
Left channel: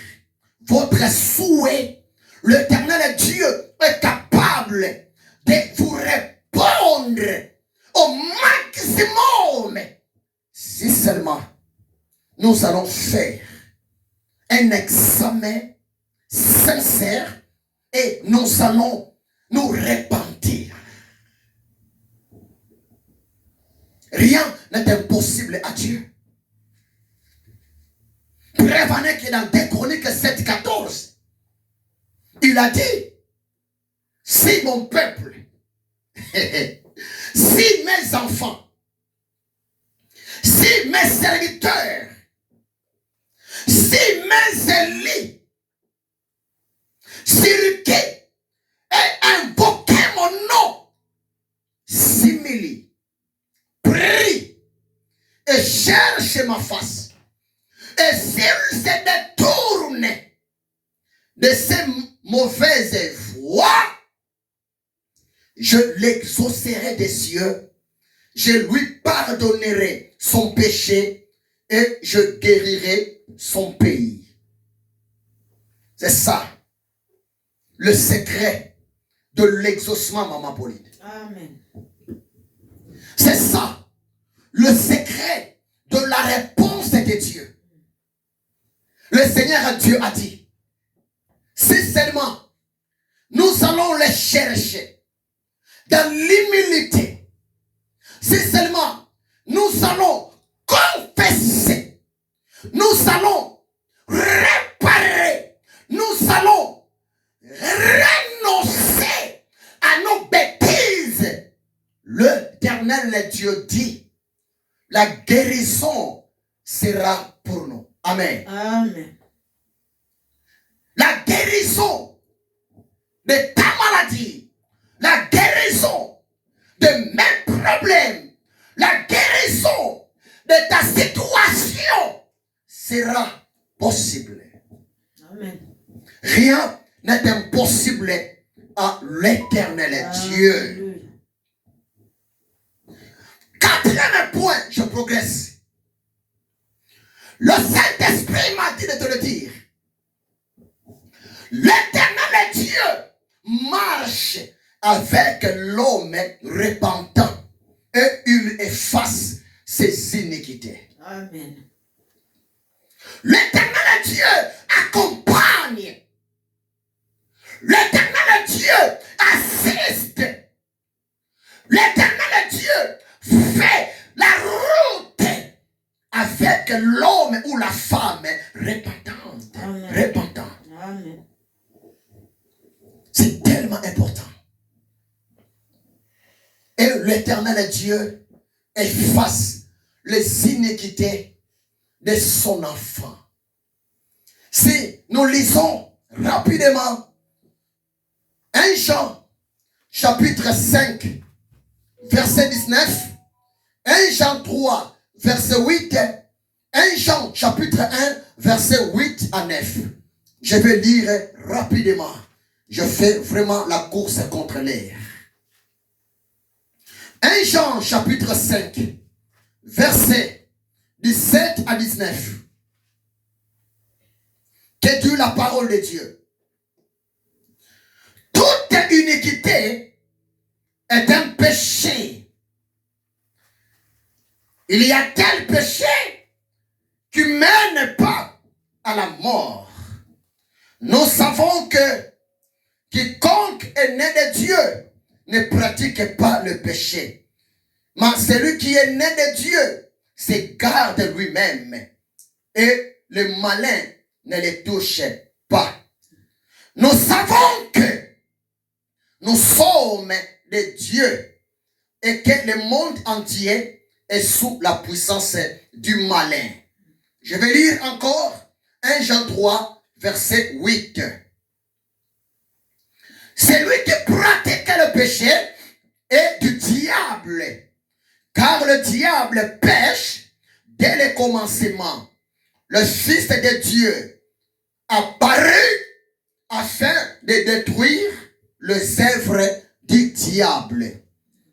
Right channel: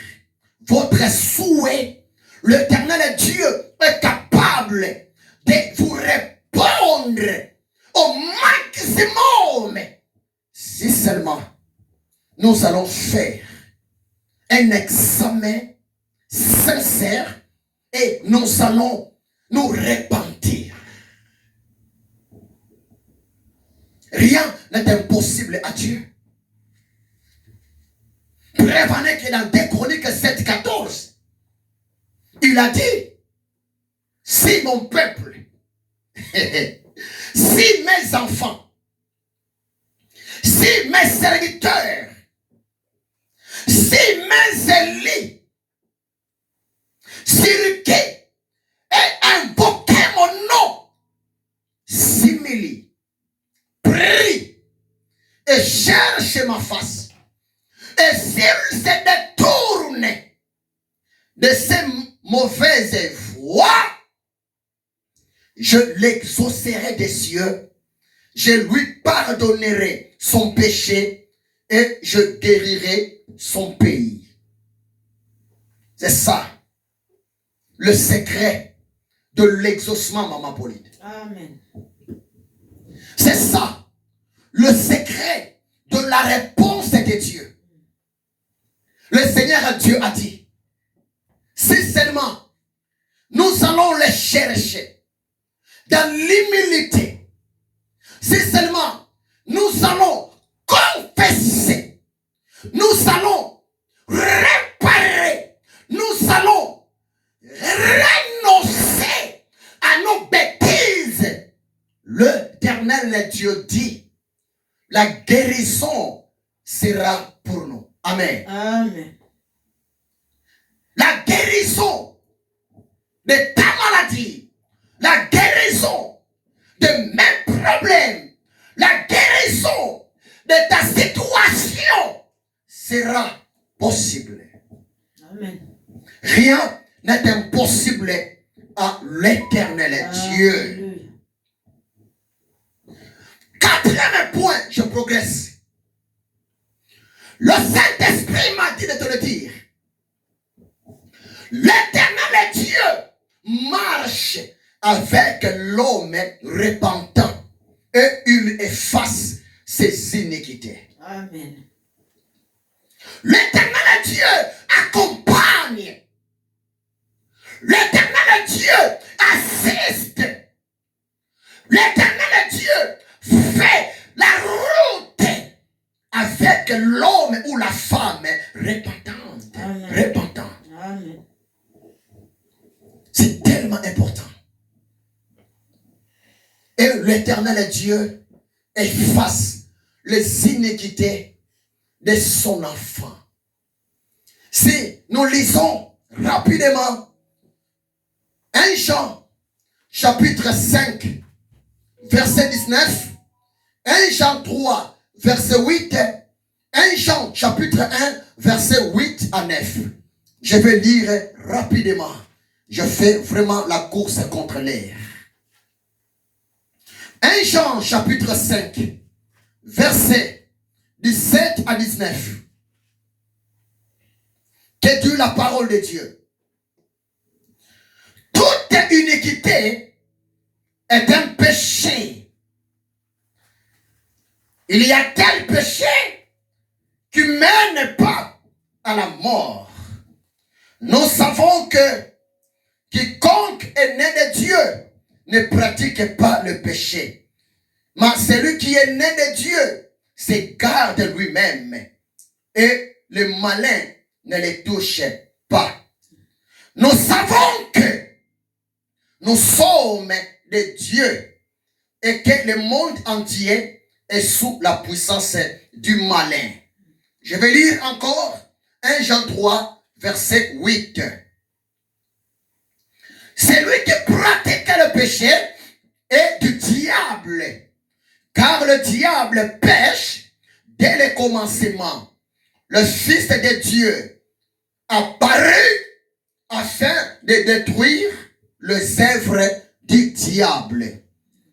votre souhait. L'Éternel Dieu est capable de vous répondre au maximum. Si seulement nous allons faire un examen sincère et nous allons nous repentir. Rien n'est impossible à Dieu. Prévenez que dans 2 Chroniques 7:14, il a dit, si mon peuple, si mes enfants, si mes serviteurs, si mes élus, sur qui et invoquer mon nom, simili, prie et cherche ma face. Et s'il se détourne de ces mauvaises voies, je l'exaucerai des cieux, je lui pardonnerai son péché et je guérirai son pays. C'est ça le secret de l'exaucement, Maman Pauline. Amen. C'est ça le secret de la réponse de Dieu. Le Seigneur Dieu a dit, si seulement nous allons les chercher dans l'humilité, si seulement nous allons confesser, nous allons réparer, nous allons renoncer à nos bêtises, l'Éternel Dieu dit, la guérison sera pour nous. Amen. Amen. La guérison de ta maladie, la guérison de mes problèmes, la guérison de ta situation sera possible. Amen. Rien n'est impossible à l'Éternel Dieu. Quatrième point, je progresse. Le Saint-Esprit m'a dit de te le dire. L'Éternel Dieu marche avec l'homme repentant et il efface ses iniquités. Amen. L'Éternel Dieu accompagne. L'Éternel Dieu assiste. L'Éternel Dieu fait la route avec l'homme ou la femme repentante. Amen. Repentant. Amen. C'est tellement important. Et l'Éternel Dieu efface les iniquités de son enfant. Si nous lisons rapidement 1 Jean chapitre 5 verset 19, 1 Jean 3 verset 8 1 Jean chapitre 1 verset 8 à 9. Je vais lire rapidement. Je fais vraiment la course contre l'air. 1 Jean chapitre 5 verset 17 à 19. Que dit la parole de Dieu? Toute iniquité est un péché. Il y a tel péché qui ne mène pas à la mort. Nous savons que quiconque est né de Dieu ne pratique pas le péché. Mais celui qui est né de Dieu se garde lui-même et le malin ne le touche pas. Nous savons que nous sommes de Dieu et que le monde entier est sous la puissance du malin. Je vais lire encore 1 Jean 3, verset 8. Celui qui pratique le péché est du diable, car le diable pêche dès le commencement. Le Fils de Dieu apparut afin de détruire les œuvres du diable.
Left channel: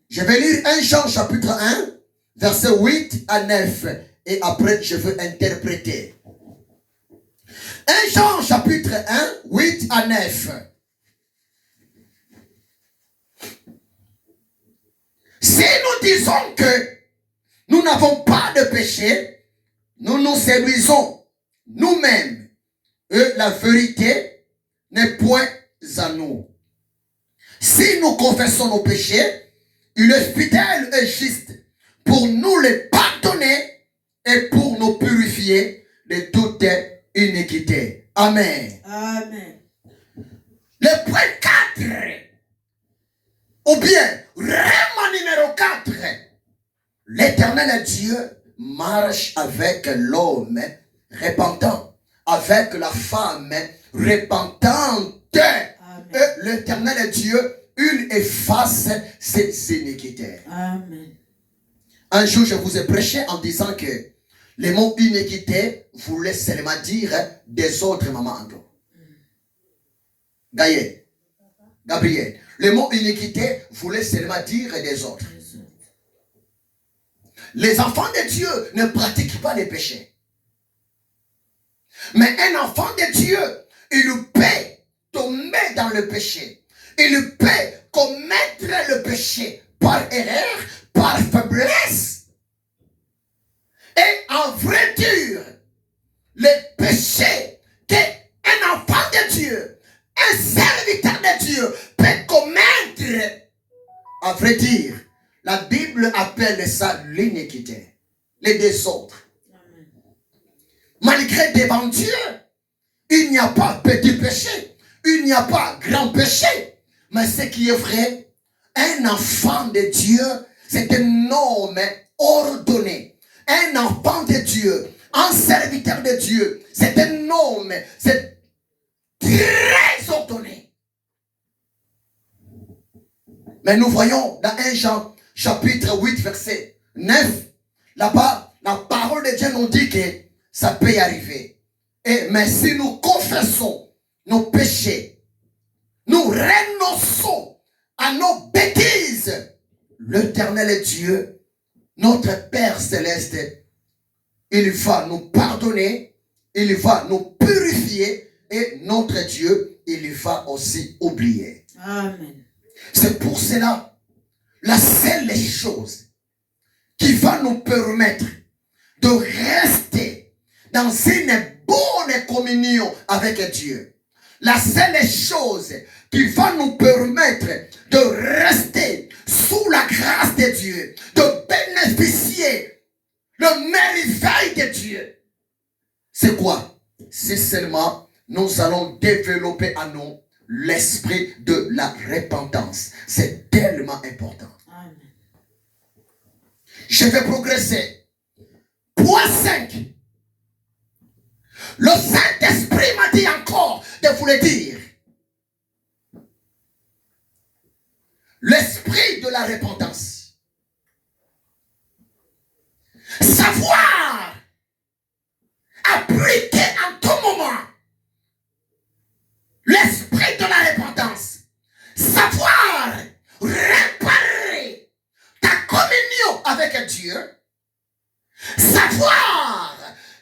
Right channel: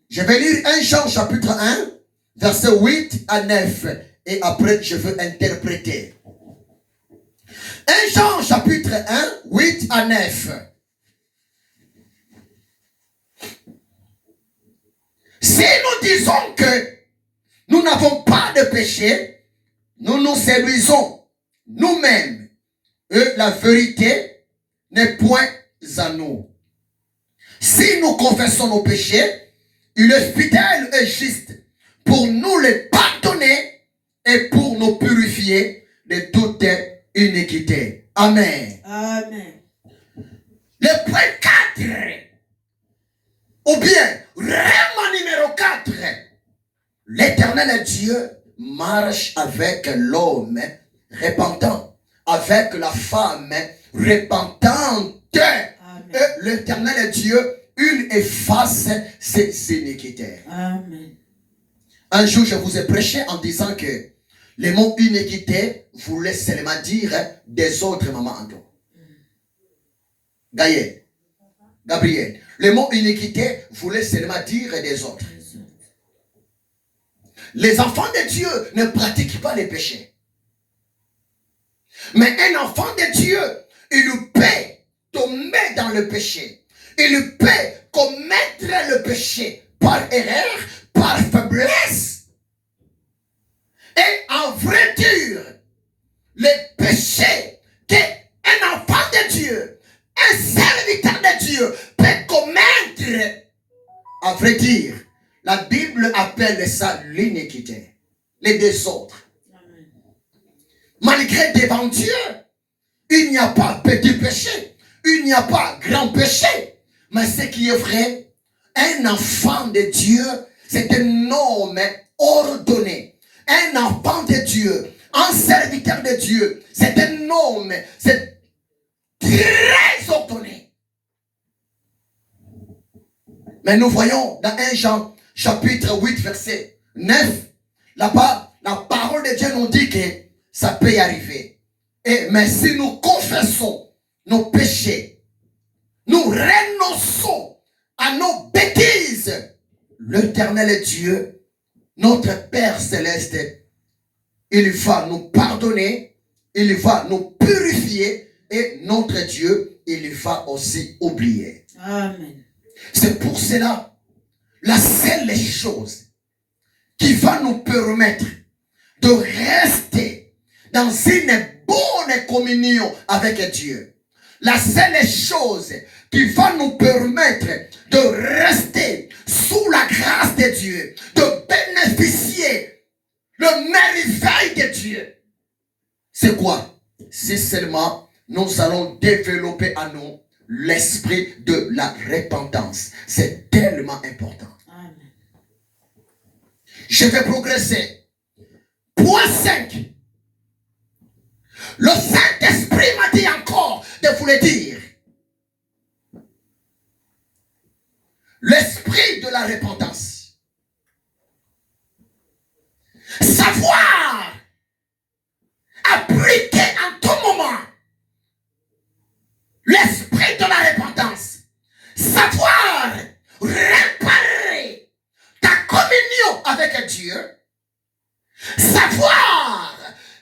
Je vais lire 1 Jean chapitre 1, verset 8 à 9. Et après, je veux interpréter. 1 Jean chapitre 1, 8 à 9. Si nous disons que nous n'avons pas de péché, nous nous séduisons nous-mêmes. Et la vérité n'est point à nous. Si nous confessons nos péchés, il est fidèle et juste pour nous les pardonner et pour nous purifier de toute iniquité. Amen. Amen. Le point 4, ou bien règle numéro 4, l'Éternel Dieu marche avec l'homme repentant, avec la femme repentante. Et l'Éternel Dieu, il efface ses iniquités. Amen. Un jour, je vous ai prêché en disant que le mot iniquité voulait seulement dire des autres mamans encore. Gabriel. Le mot iniquité voulait seulement dire des autres. Les enfants de Dieu ne pratiquent pas les péchés. Mais un enfant de Dieu, il peut tomber dans le péché. Il peut commettre le péché par erreur, par faiblesse. Et en vrai dire, le péché qu'un enfant de Dieu, un serviteur de Dieu peut commettre, à vrai dire, la Bible appelle ça l'iniquité, les désordres. Malgré devant Dieu, il n'y a pas petit péché, il n'y a pas grand péché. Mais ce qui est vrai, un enfant de Dieu, c'est un homme ordonné. Un enfant de Dieu, un serviteur de Dieu, c'est un homme, c'est très ordonné. Mais nous voyons dans 1 Jean chapitre 8 verset 9, là-bas, la parole de Dieu nous dit que ça peut y arriver. Mais si nous confessons nos péchés, nous renonçons à nos bêtises, l'Éternel Dieu, notre Père Céleste, il va nous pardonner, il va nous purifier et notre Dieu, il va aussi oublier. Amen. C'est pour cela, la seule chose qui va nous permettre de rester dans une bonne communion avec Dieu, la seule chose qui va nous permettre de rester sous la grâce de Dieu, de bénéficier le merveille de Dieu, c'est quoi? C'est seulement nous allons développer en nous l'esprit de la repentance. C'est tellement important. Amen. Je vais progresser. Point 5. Le Saint-Esprit m'a dit encore de vous le dire. L'esprit de la repentance. Savoir avec Dieu, savoir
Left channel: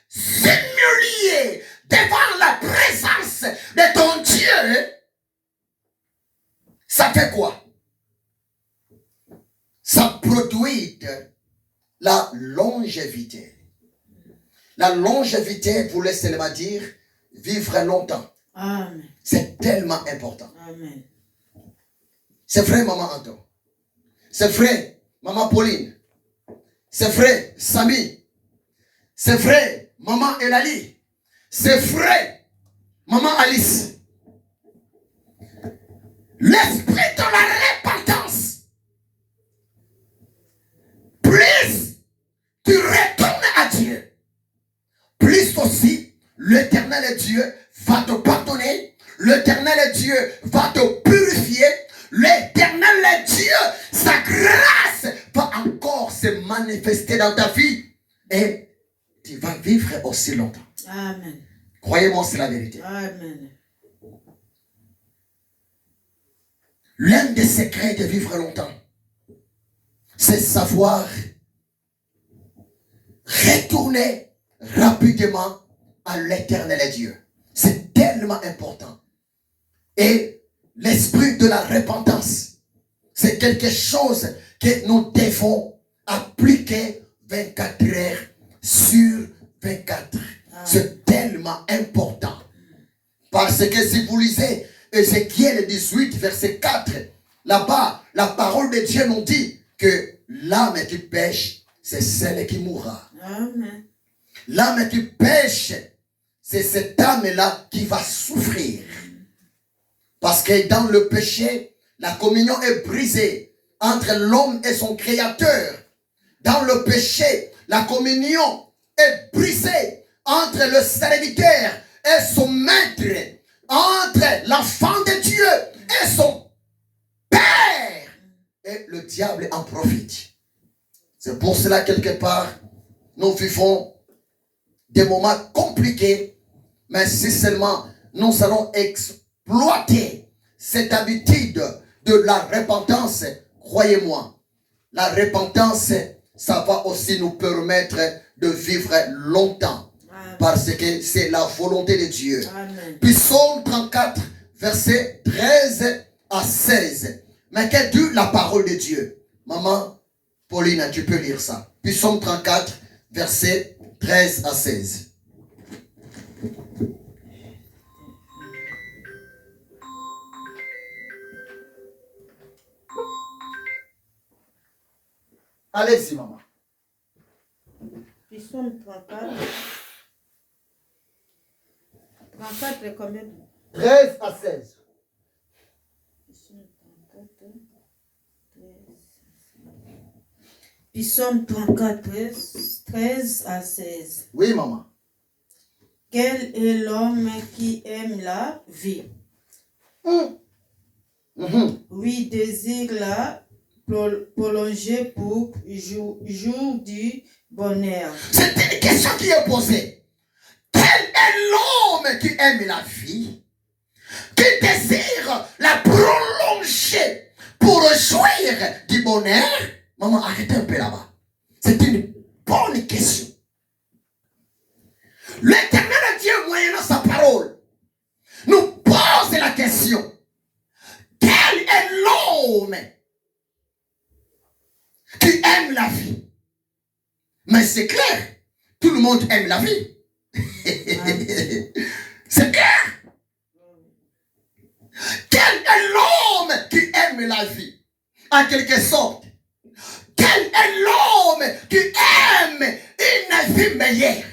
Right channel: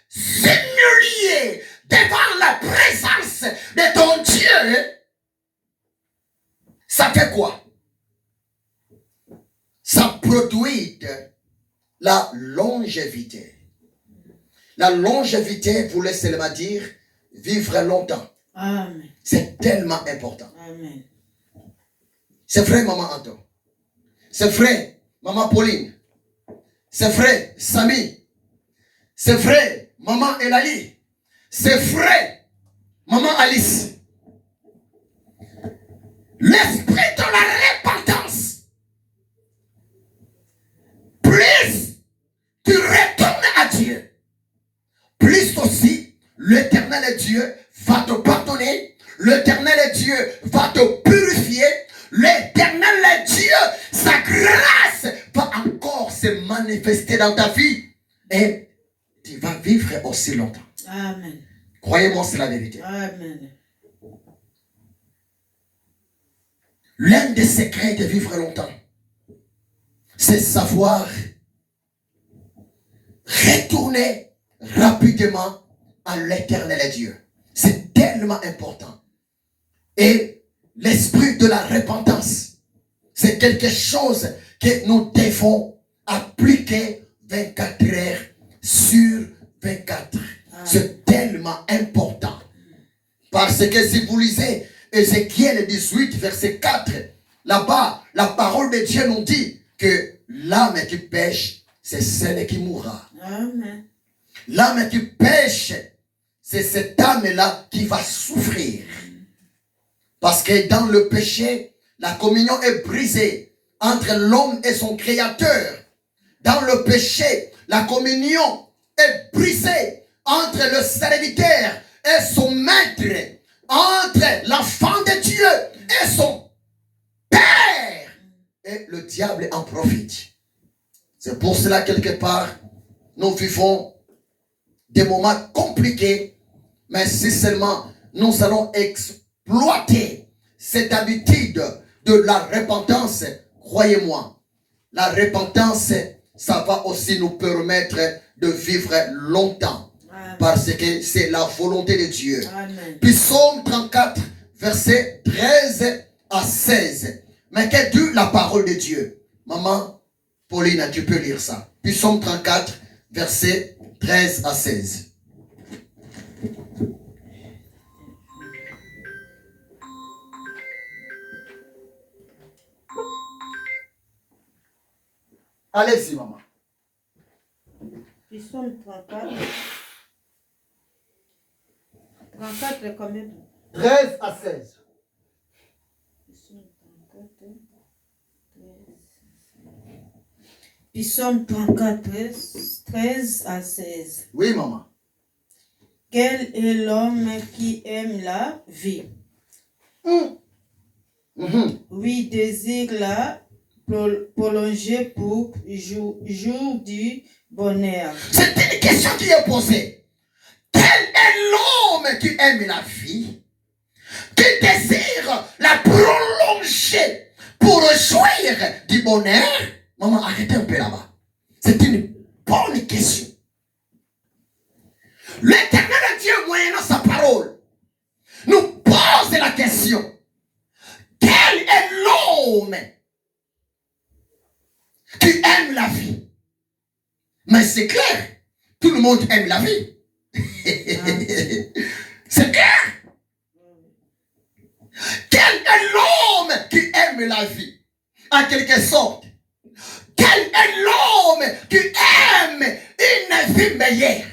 s'humilier devant la présence de ton Dieu, ça fait quoi? Ça produit la longévité. La longévité voulait seulement dire vivre longtemps. Amen. C'est tellement important. Amen. C'est vrai, maman Anton. C'est vrai, maman Pauline. C'est vrai, Samy. C'est vrai, maman Elali. C'est vrai, maman Alice. L'esprit de la repentance. Plus tu retournes à Dieu, plus aussi l'Éternel Dieu va te pardonner, l'Éternel Dieu va te purifier, l'Éternel Dieu, sa grâce va encore se manifester dans ta vie et tu vas vivre aussi longtemps. Amen. Croyez-moi, c'est la vérité. Amen. L'un des secrets de vivre longtemps, c'est savoir retourner rapidement à l'Éternel Dieu. C'est tellement important. Et l'esprit de la repentance, c'est quelque chose que nous devons appliquer 24 heures sur 24. C'est tellement important. Parce que si vous lisez Ézéchiel 18, verset 4, là-bas, la parole de Dieu nous dit que l'âme qui pêche, c'est celle qui mourra. Amen. L'âme qui pêche, c'est cette âme-là qui va souffrir. Parce que dans le péché, la communion est brisée entre l'homme et son créateur. Dans le péché, la communion est brisée entre le serviteur et son maître, entre l'enfant de Dieu et son père. Et le diable en profite. C'est pour cela, quelque part, nous vivons des moments compliqués, mais si seulement nous allons exploiter cette habitude de la repentance, croyez-moi, la repentance, ça va aussi nous permettre de vivre longtemps. Amen. Parce que c'est la volonté de Dieu. Amen. Puis Psaume 34, verset 13 à 16. Mais que dit la parole de Dieu? Maman Pauline, tu peux lire ça. Puis Psaume 34, verset 13 à 16. Allez-y, maman. Psaume 34. 34 est combien? 13 à 16. Psaume 34, 13 à 16. Oui, maman. Quel est l'homme qui aime la vie? Oui, désire la prolonger pour jour du bonheur. C'est une question qui est posée. Quel est l'homme qui aime la vie, qui désire la prolonger pour jouir du bonheur? Maman, arrêtez un peu là-bas. C'est une bonne question. L'Éternel Dieu, moyennant sa parole, nous pose la question. Quel est l'homme qui aime la vie? Mais c'est clair, tout le monde aime la vie. C'est clair. Quel est l'homme qui aime la vie? En quelque sorte, quel est l'homme qui aime une vie meilleure?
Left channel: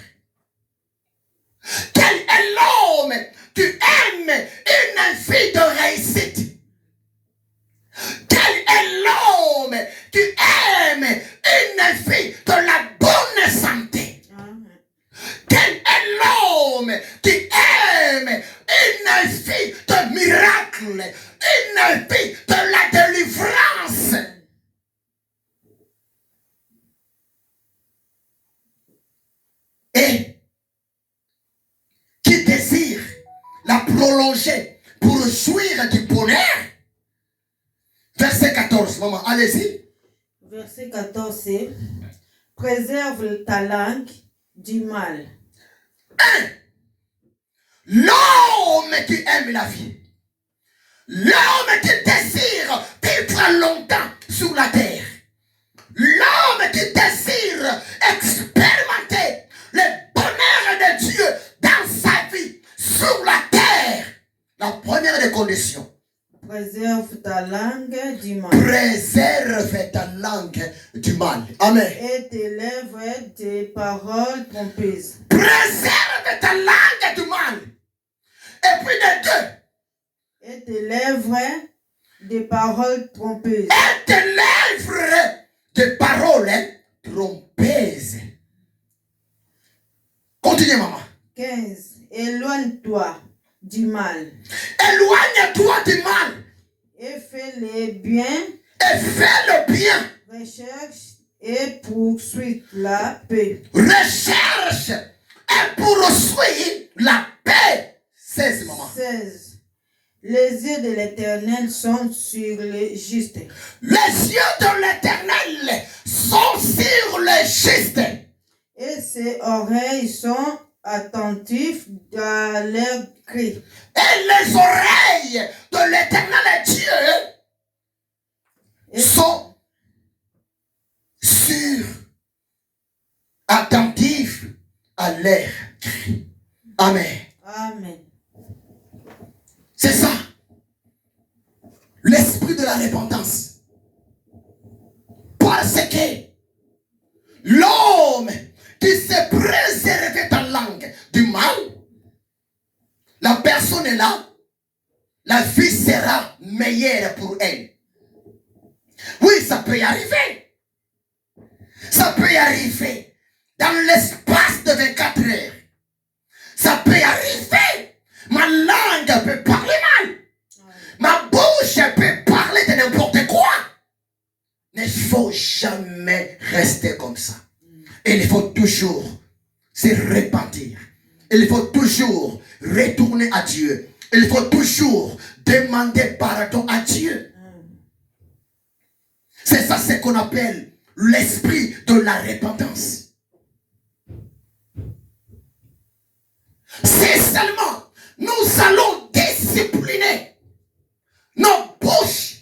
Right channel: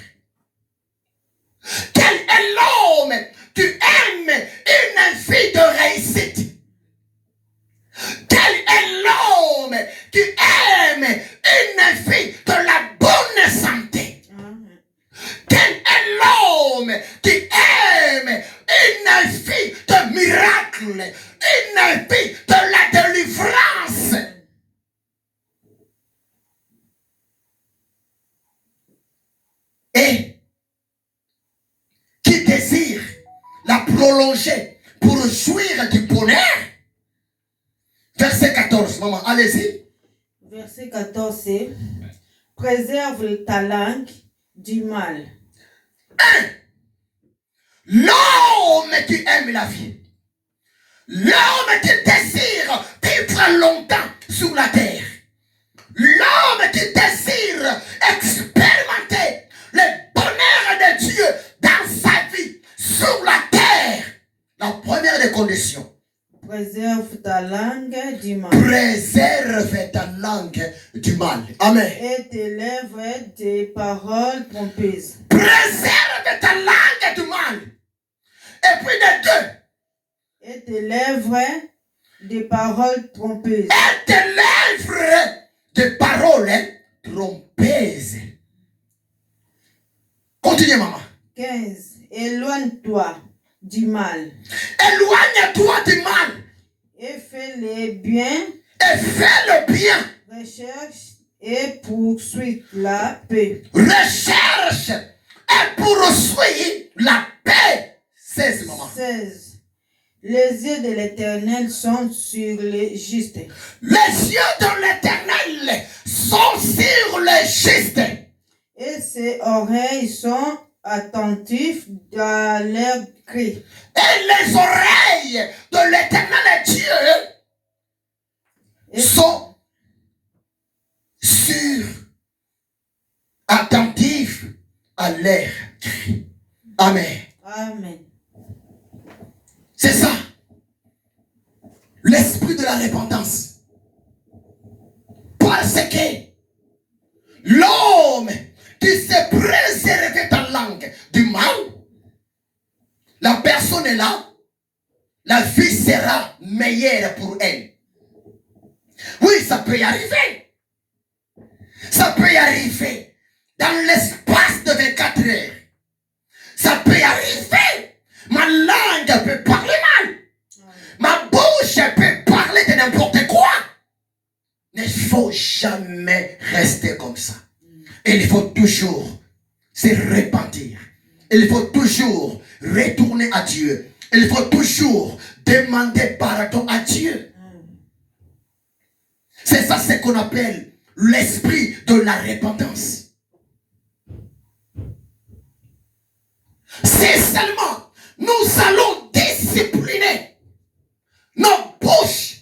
Quel est l'homme qui aime une vie de réussite? Quel est l'homme qui aime une vie de la bonne santé? Quel est l'homme qui aime une vie de miracle, une vie de la délivrance? Et qui désire la prolonger pour jouir du bonheur? Verset 14, maman, allez-y. Verset 14, c'est préserve ta langue du mal. L'homme qui aime la vie, l'homme qui désire vivre longtemps sur la terre, l'homme qui désire expérimenter le bonheur de Dieu dans sa vie sur la terre, la première des conditions, Préserve ta langue du mal. préserve ta langue du mal. Amen. Et tes lèvres des paroles trompeuses. Préserve ta langue du mal. Et puis de deux. Et tes lèvres des paroles trompeuses. Et tes lèvres de paroles trompeuses. Continuez, maman. 15. Éloigne-toi du mal. Éloigne-toi du mal. Et fais le bien. Et fais le bien. Recherche et poursuis la paix. Recherche et poursuis la paix. 16, maman. 16. Les yeux de l'Éternel sont sur les justes. Les yeux de l'Éternel sont sur les justes. Et ses oreilles sont attentifs à leurs cris. Et les oreilles de l'Éternel Dieu sont attentifs à leurs cris. Amen. Amen. C'est ça. L'esprit de la repentance. Parce que l'homme qui s'est préservé ta langue du mal, la personne est là, la vie sera meilleure pour elle. Oui, ça peut y arriver. Ça peut y arriver dans l'espace de 24 heures. Ça peut y arriver. Ma langue peut parler mal. Ma bouche peut parler de n'importe quoi. Mais il ne faut jamais rester comme ça. Il faut toujours se repentir. Il faut toujours retourner à Dieu. Il faut toujours demander pardon à Dieu. C'est ça ce qu'on appelle l'esprit de la repentance. C'est seulement nous allons discipliner nos bouches.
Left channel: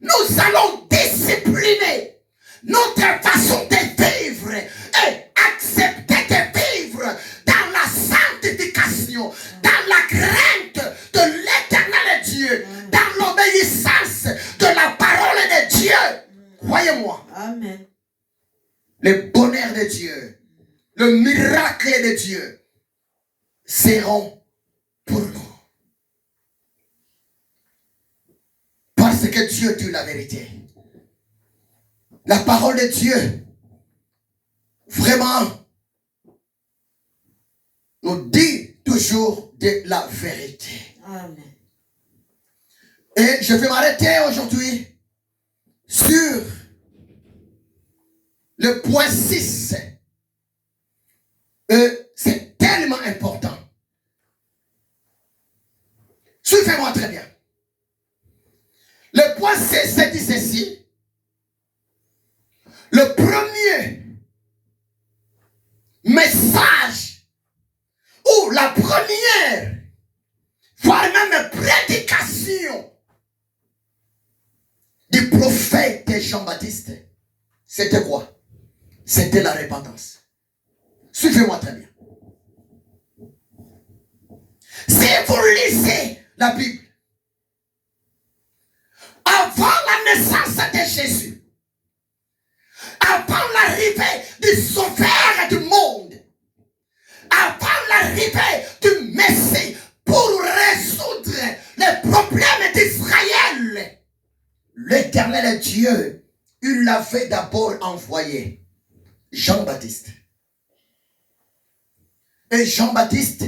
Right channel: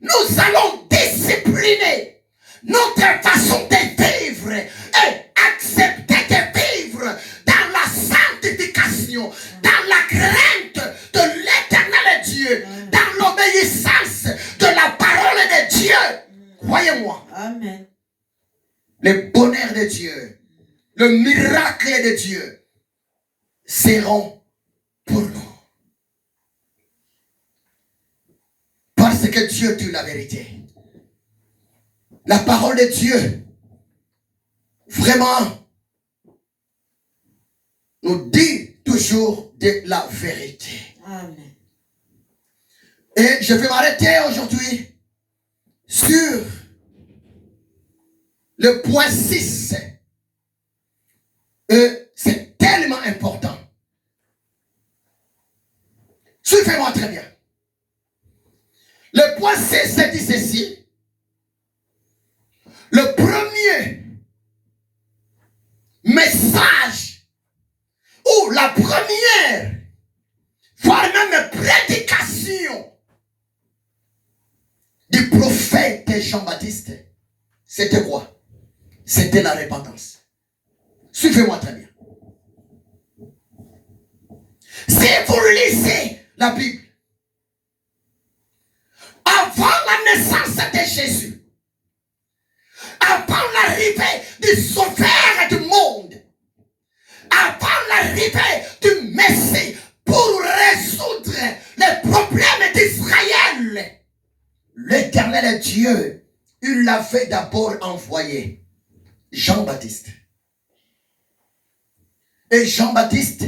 Nous allons discipliner notre façon de vivre et accepter de vivre dans la sanctification, dans la crainte de l'Éternel Dieu, dans l'obéissance de la parole de Dieu. Croyez-moi. Amen. Le bonheur de Dieu, le miracle de Dieu seront pour nous. Parce que Dieu dit la vérité. La parole de Dieu, vraiment, nous dit toujours de la vérité. Amen. Et je vais m'arrêter aujourd'hui sur le point 6. C'est tellement important. Suivez-moi très bien. Le point 6 dit ceci. Le premier message ou la première, voire même prédication du prophète Jean-Baptiste, c'était quoi? C'était la repentance. Suivez-moi très bien. Si vous lisez la Bible, avant la naissance de Jésus, avant l'arrivée du Sauveur du monde, avant l'arrivée du Messie pour résoudre les problèmes d'Israël, l'Éternel Dieu, il l'avait d'abord envoyé Jean-Baptiste. Et Jean-Baptiste,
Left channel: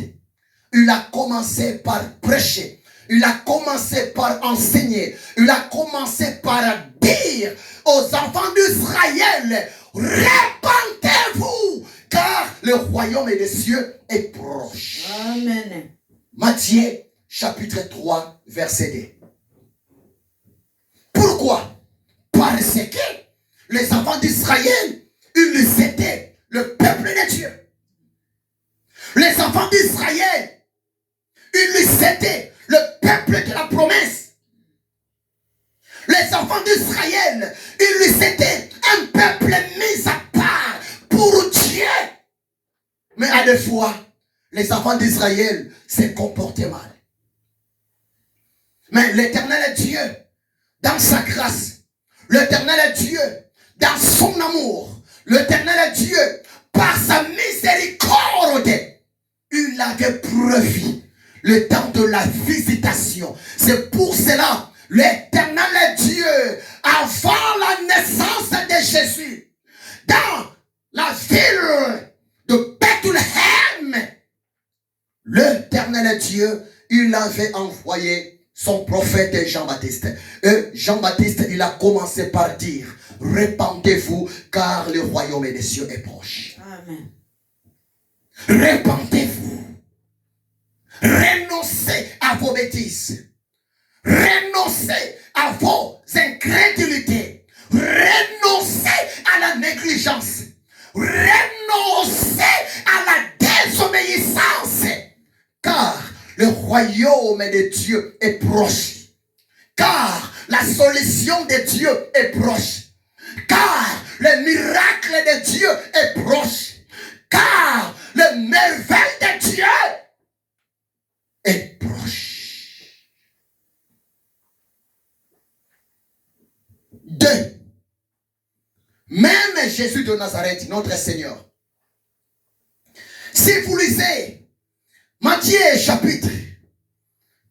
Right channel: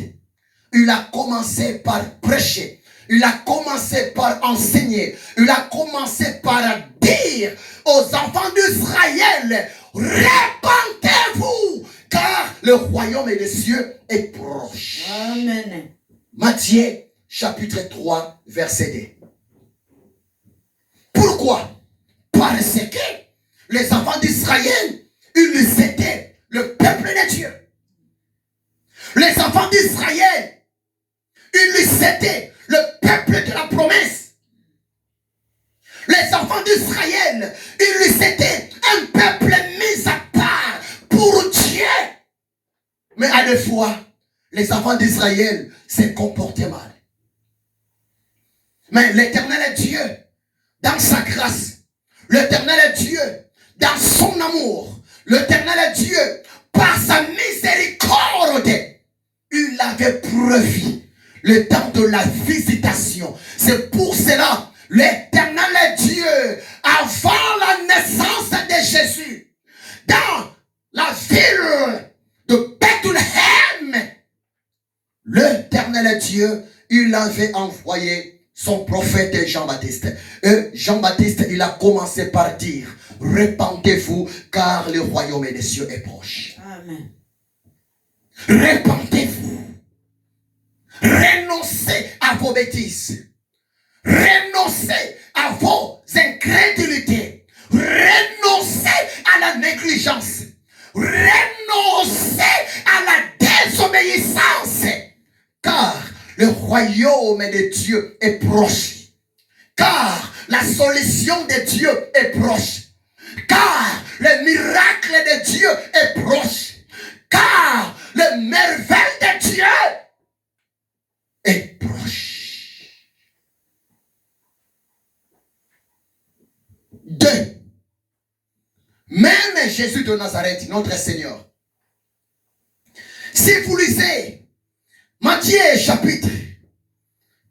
il a commencé par prêcher. Il a commencé par enseigner. Il a commencé par dire aux enfants d'Israël, répentez-vous, car le royaume des cieux est proche. Amen. Matthieu, chapitre 3, verset 2. Pourquoi? Parce que Les enfants d'Israël, ils étaient le peuple de Dieu. Les enfants d'Israël, ils étaient le peuple de la promesse. Les enfants d'Israël, ils étaient un peuple mis à part pour Dieu. Mais à la fois, les enfants d'Israël se comportaient mal. Mais l'Éternel Dieu, dans sa grâce, l'Éternel Dieu, dans son amour, l'Éternel Dieu, par sa miséricorde, il avait prévu le temps de la visitation. C'est pour cela, l'Éternel Dieu, avant la naissance de Jésus, dans la ville de Bethléem, l'Éternel Dieu, il avait envoyé son prophète Jean-Baptiste. Et Jean-Baptiste, il a commencé par dire, répandez-vous car le royaume des cieux est proche. Amen. Répandez-vous. Renoncez à vos bêtises. Renoncez à vos incrédulités. Renoncez à la négligence. Renoncez à la désobéissance. Car le royaume de Dieu est proche. Car la solution de Dieu est proche. Car le miracle de Dieu est proche. Car le merveille de Dieu est proche. 2. Même Jésus de Nazareth, notre Seigneur. Si vous lisez Matthieu chapitre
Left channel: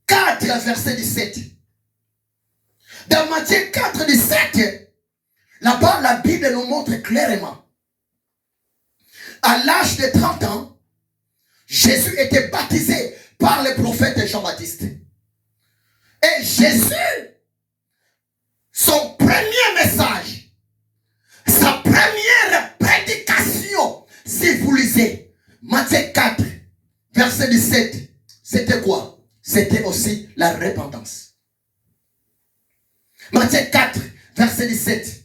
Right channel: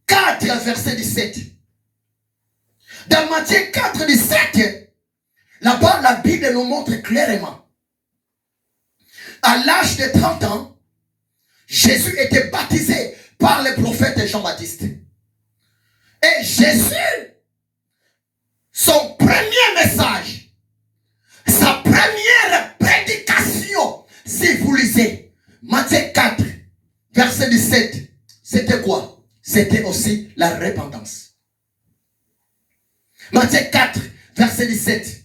4, verset 17. Dans Matthieu 4, 17, là-bas, la Bible nous montre clairement. À l'âge de 30 ans, Jésus était baptisé par le prophète Jean-Baptiste. Et Jésus, son premier message, sa première prédication, si vous lisez Matthieu 4, verset 17, c'était quoi? C'était aussi la repentance. Matthieu 4, verset 17.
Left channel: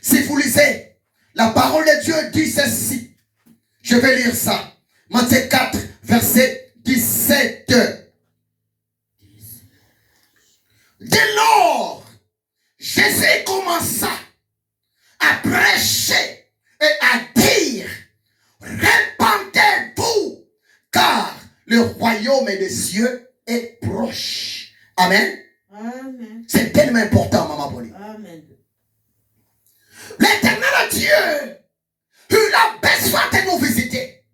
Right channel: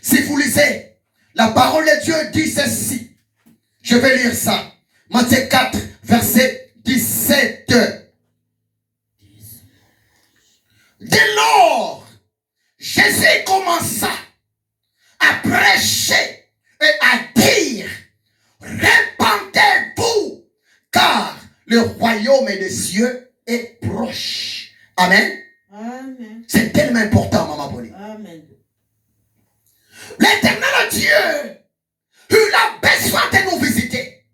Si vous lisez, la parole de Dieu dit ceci. Je vais lire ça. Matthieu 4, verset 17. Dès lors, Jésus commença à prêcher et à dire, répandez-vous, car le royaume des cieux est proche. Amen. Amen. C'est tellement important, Maman Pauline. Amen. L'Éternel Dieu, il a besoin de nous visiter.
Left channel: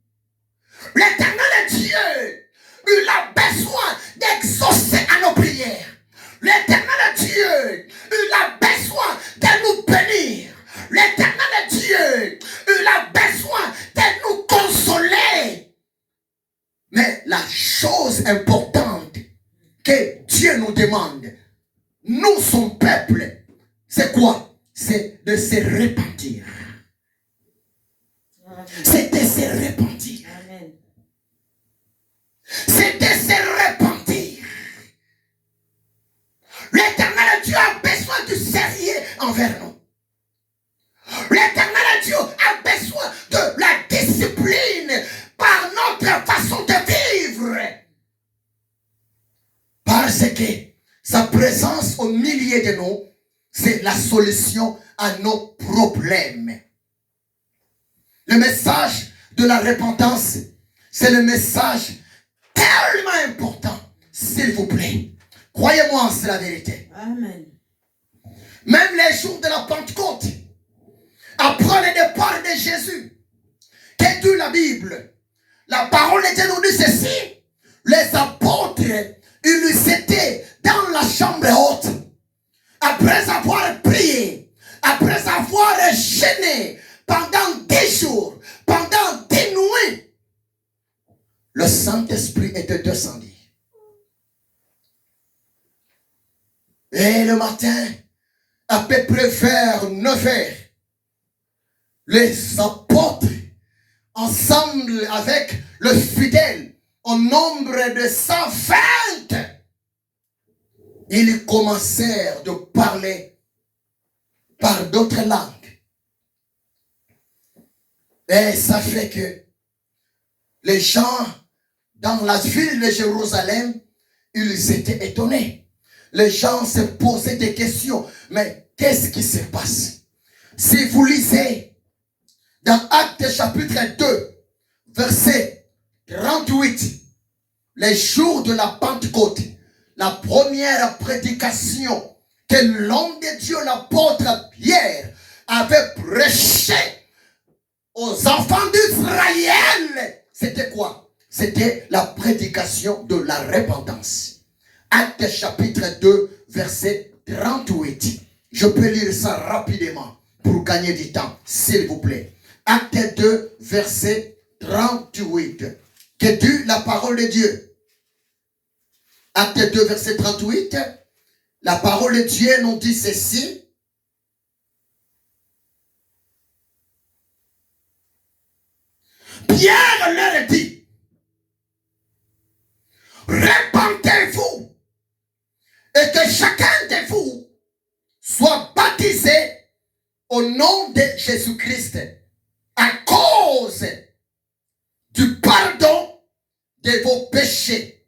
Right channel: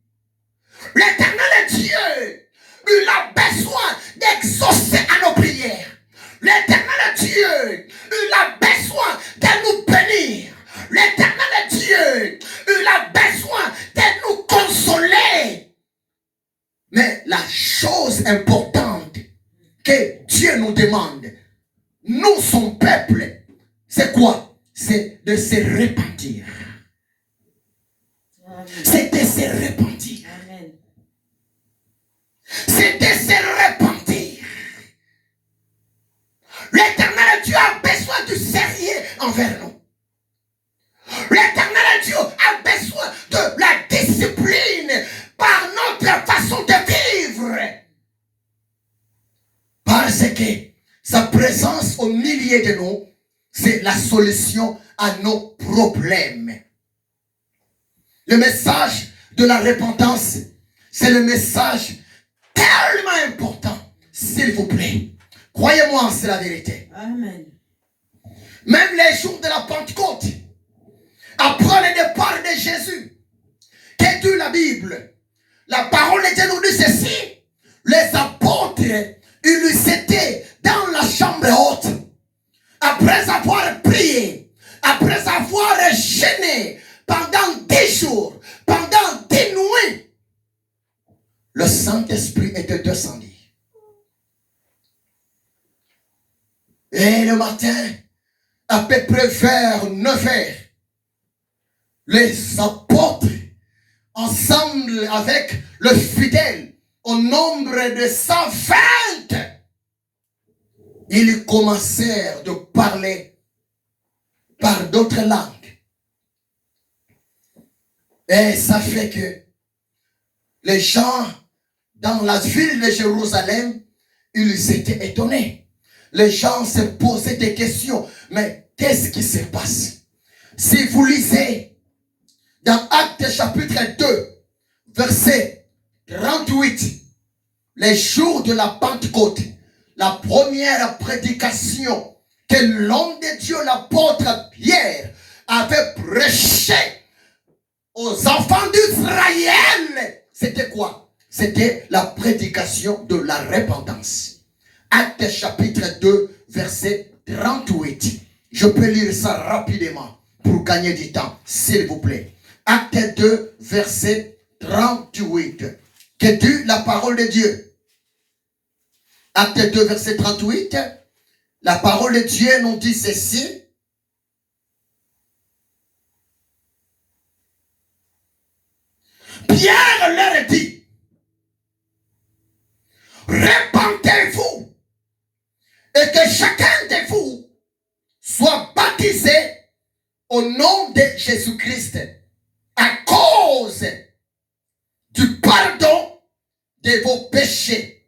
L'Éternel Dieu, il a besoin d'exaucer à nos prières. L'Éternel Dieu, il a besoin de nous bénir. L'Éternel Dieu, il a besoin de nous consoler. Mais la chose importante que Dieu nous demande, nous, son peuple, c'est quoi? C'est de se repentir. C'est de se repentir. Amen. C'est de se repentir. L'Éternel Dieu a besoin du sérieux envers nous. L'Éternel Dieu a besoin de la discipline par notre façon de vivre. Parce que sa présence au milieu de nous, c'est la solution à nos problèmes. Le message de la repentance, c'est le message tellement important. S'il vous plaît, croyez-moi, c'est la vérité. Amen. Même les jours de la Pentecôte, après le départ de Jésus, qu'est dit la Bible? La parole de Dieu nous dit ceci. Les apôtres, ils étaient dans la chambre haute. Après avoir prié, après avoir jeûné pendant 10 jours, pendant 10 nuits, le Saint-Esprit était descendu. Et le matin, à peu près vers 9 heures, les apôtres, ensemble avec le fidèle, au nombre de 120, ils commencèrent de parler par d'autres langues. Et ça fait que les gens dans la ville de Jérusalem, ils étaient étonnés. Les gens se posaient des questions. Mais qu'est-ce qui se passe? Si vous lisez dans Actes chapitre 2, verset 38, les jours de la Pentecôte, la première prédication que l'homme de Dieu, l'apôtre Pierre, avait prêché aux enfants d'Israël, c'était quoi? C'était la prédication de la repentance. Actes chapitre 2, verset 38. Je peux lire ça rapidement pour gagner du temps, s'il vous plaît. Actes 2, verset 38. Que dit la parole de Dieu? Actes 2, verset 38. La parole de Dieu nous dit ceci. Pierre leur dit, repentez-vous et que chacun de vous soit baptisé au nom de Jésus-Christ à cause du pardon de vos péchés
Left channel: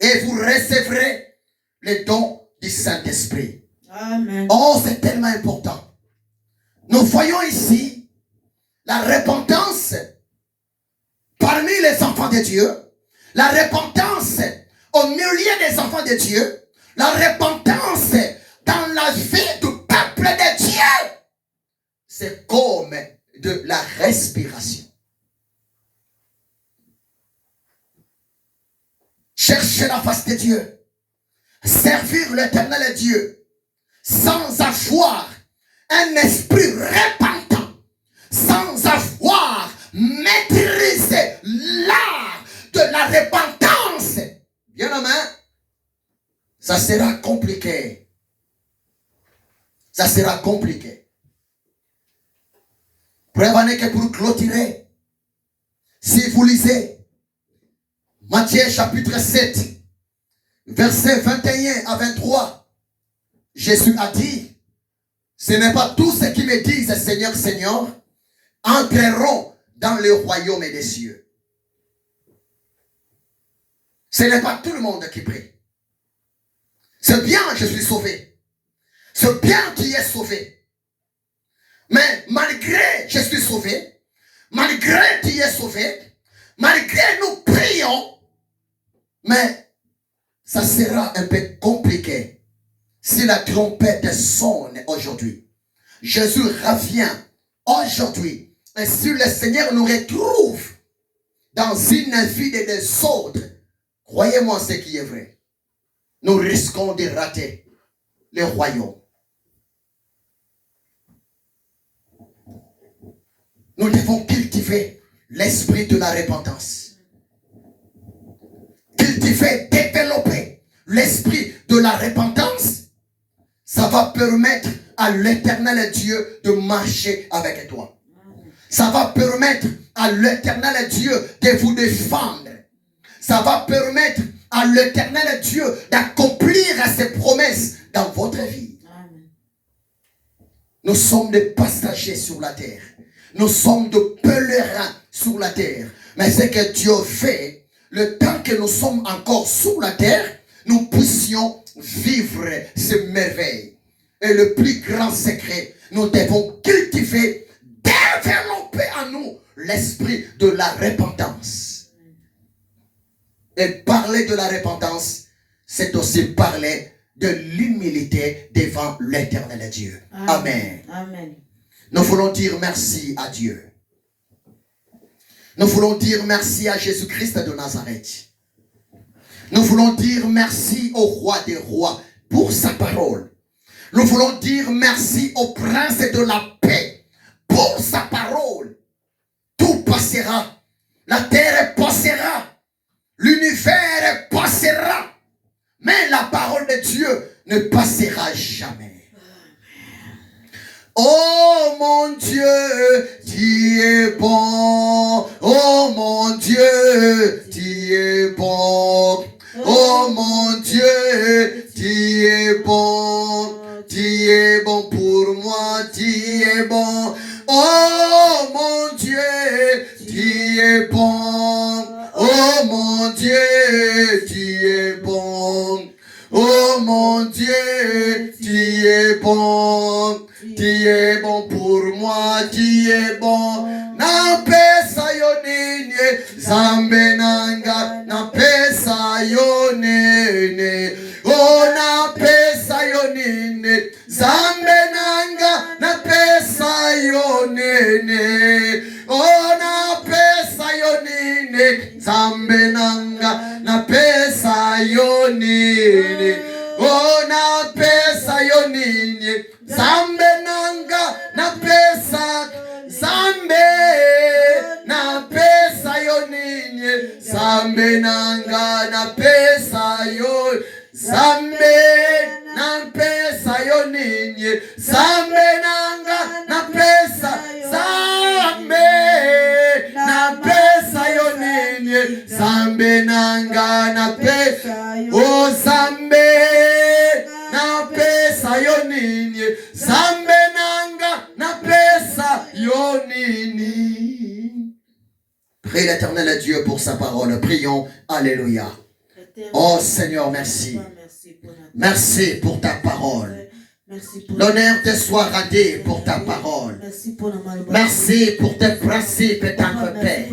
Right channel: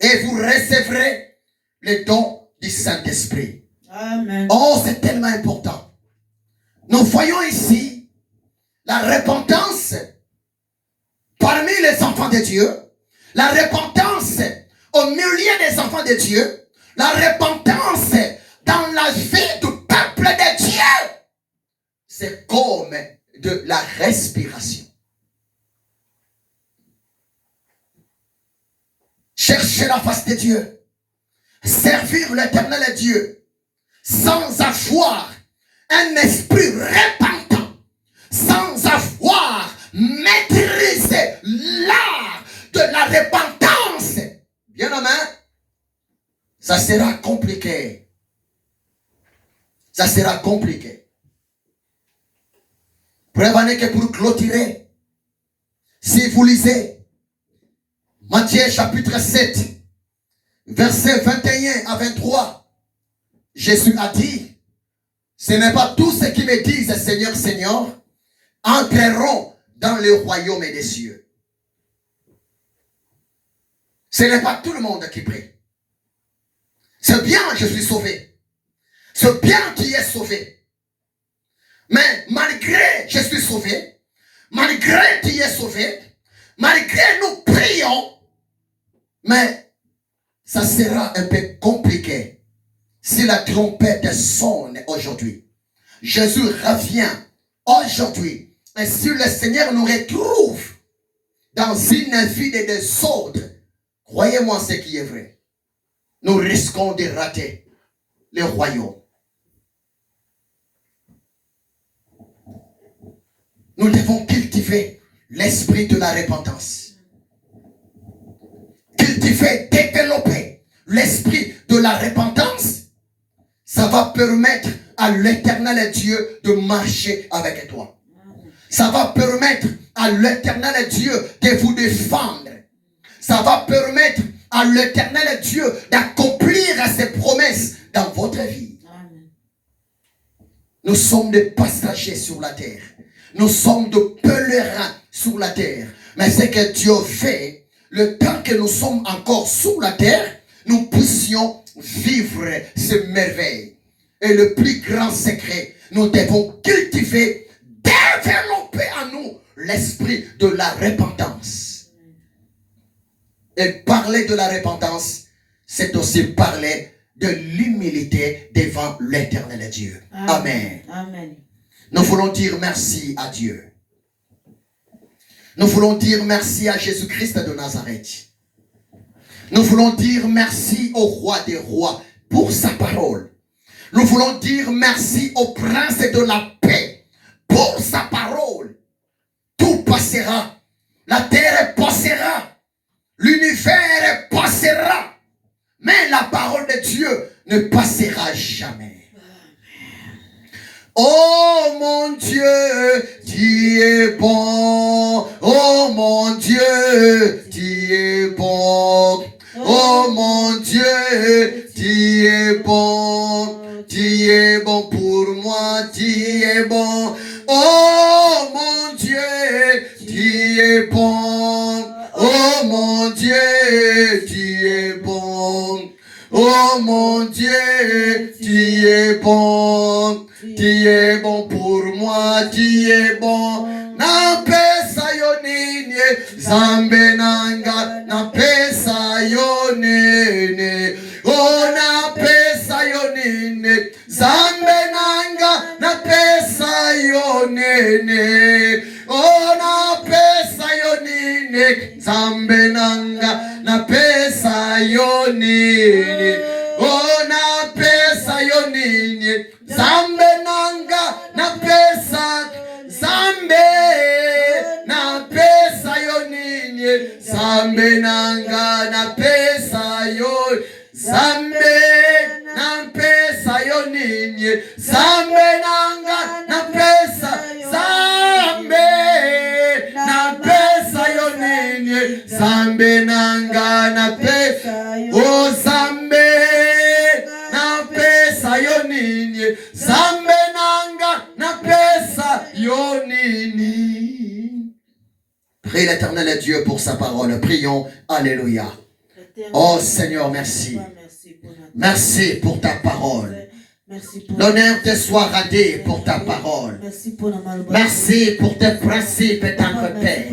et vous recevrez le don du Saint-Esprit. Amen. Oh, c'est tellement important. Nous voyons ici la repentance parmi les enfants de Dieu, la repentance au milieu des enfants de Dieu, la repentance dans la vie du peuple de Dieu. C'est comme de la respiration. Chercher la face de Dieu, servir l'éternel Dieu, sans avoir un esprit repentant, sans avoir maîtrisé l'art de la repentance, bien aimé, ça sera compliqué. Ça sera compliqué. Prévenez que pour clôturer, si vous lisez Matthieu chapitre 7, versets 21 à 23, Jésus a dit, ce n'est pas tous ceux qui me disent Seigneur, Seigneur, entreront dans le royaume des cieux. Ce n'est pas tout le monde qui prie. C'est bien, je suis sauvé. C'est bien qui est sauvé. Mais malgré je suis sauvé, malgré qui est sauvé, malgré nous prions, mais ça sera un peu compliqué si la trompette sonne aujourd'hui. Jésus revient aujourd'hui. Et si le Seigneur nous retrouve dans une vie de désordre, croyez-moi ce qui est vrai, nous risquons de rater le royaume. Nous devons cultiver l'esprit de la repentance. Cultiver, développer l'esprit de la repentance. Ça va permettre à l'éternel Dieu de marcher avec toi. Ça va permettre à l'éternel Dieu de vous défendre. Ça va permettre à l'éternel Dieu d'accomplir ses promesses dans votre vie. Nous sommes des passagers sur la terre. Nous sommes des pèlerins sur la terre. Mais ce que Dieu fait, le temps que nous sommes encore sur la terre, nous puissions vivre ces merveilles. Et le plus grand secret, nous devons cultiver, développer en nous l'esprit de la repentance. Et parler de la repentance, c'est aussi parler de l'humilité devant l'éternel Dieu. Amen. Amen. Nous voulons dire merci à Dieu. Nous voulons dire merci à Jésus-Christ de Nazareth. Nous voulons dire merci au roi des rois pour sa parole. Nous voulons dire merci au prince de la paix pour sa parole. Tout passera. La terre passera. L'univers passera. Mais la parole de Dieu ne passera jamais. Oh mon Dieu, tu es bon. Oh mon Dieu, tu es bon. Oh mon Dieu, tu es bon. Tu es bon pour moi, tu es bon. Oh mon Dieu, tu es bon. Oh mon Dieu, tu es bon. Oh mon Dieu, tu es bon. Tu es bon pour moi, tu es bon. Na pesa yonine, zambe nanga, na pesa yonine. Oh na pesa yonine, zambe nanga, na pesa yonine. Oh na pesa yonine, zambe nanga, na pesa yonine. Oh na pesa yonine, zambe nanga, na pesa zambe na pesa yonine, zambe nanga na pesa yo, zambe na pesa yonine, zambe nanga na pesa, zambe na pesa yonine, zambe nanga na pesa, oh zambe na pesa yonine, zambe nanga na pesa yonine. Prie l'Éternel à Dieu pour sa parole. Prions. Alléluia. Oh Seigneur, merci. Merci pour ta parole. L'honneur te soit radé pour ta parole. Merci pour tes principes et ta Père.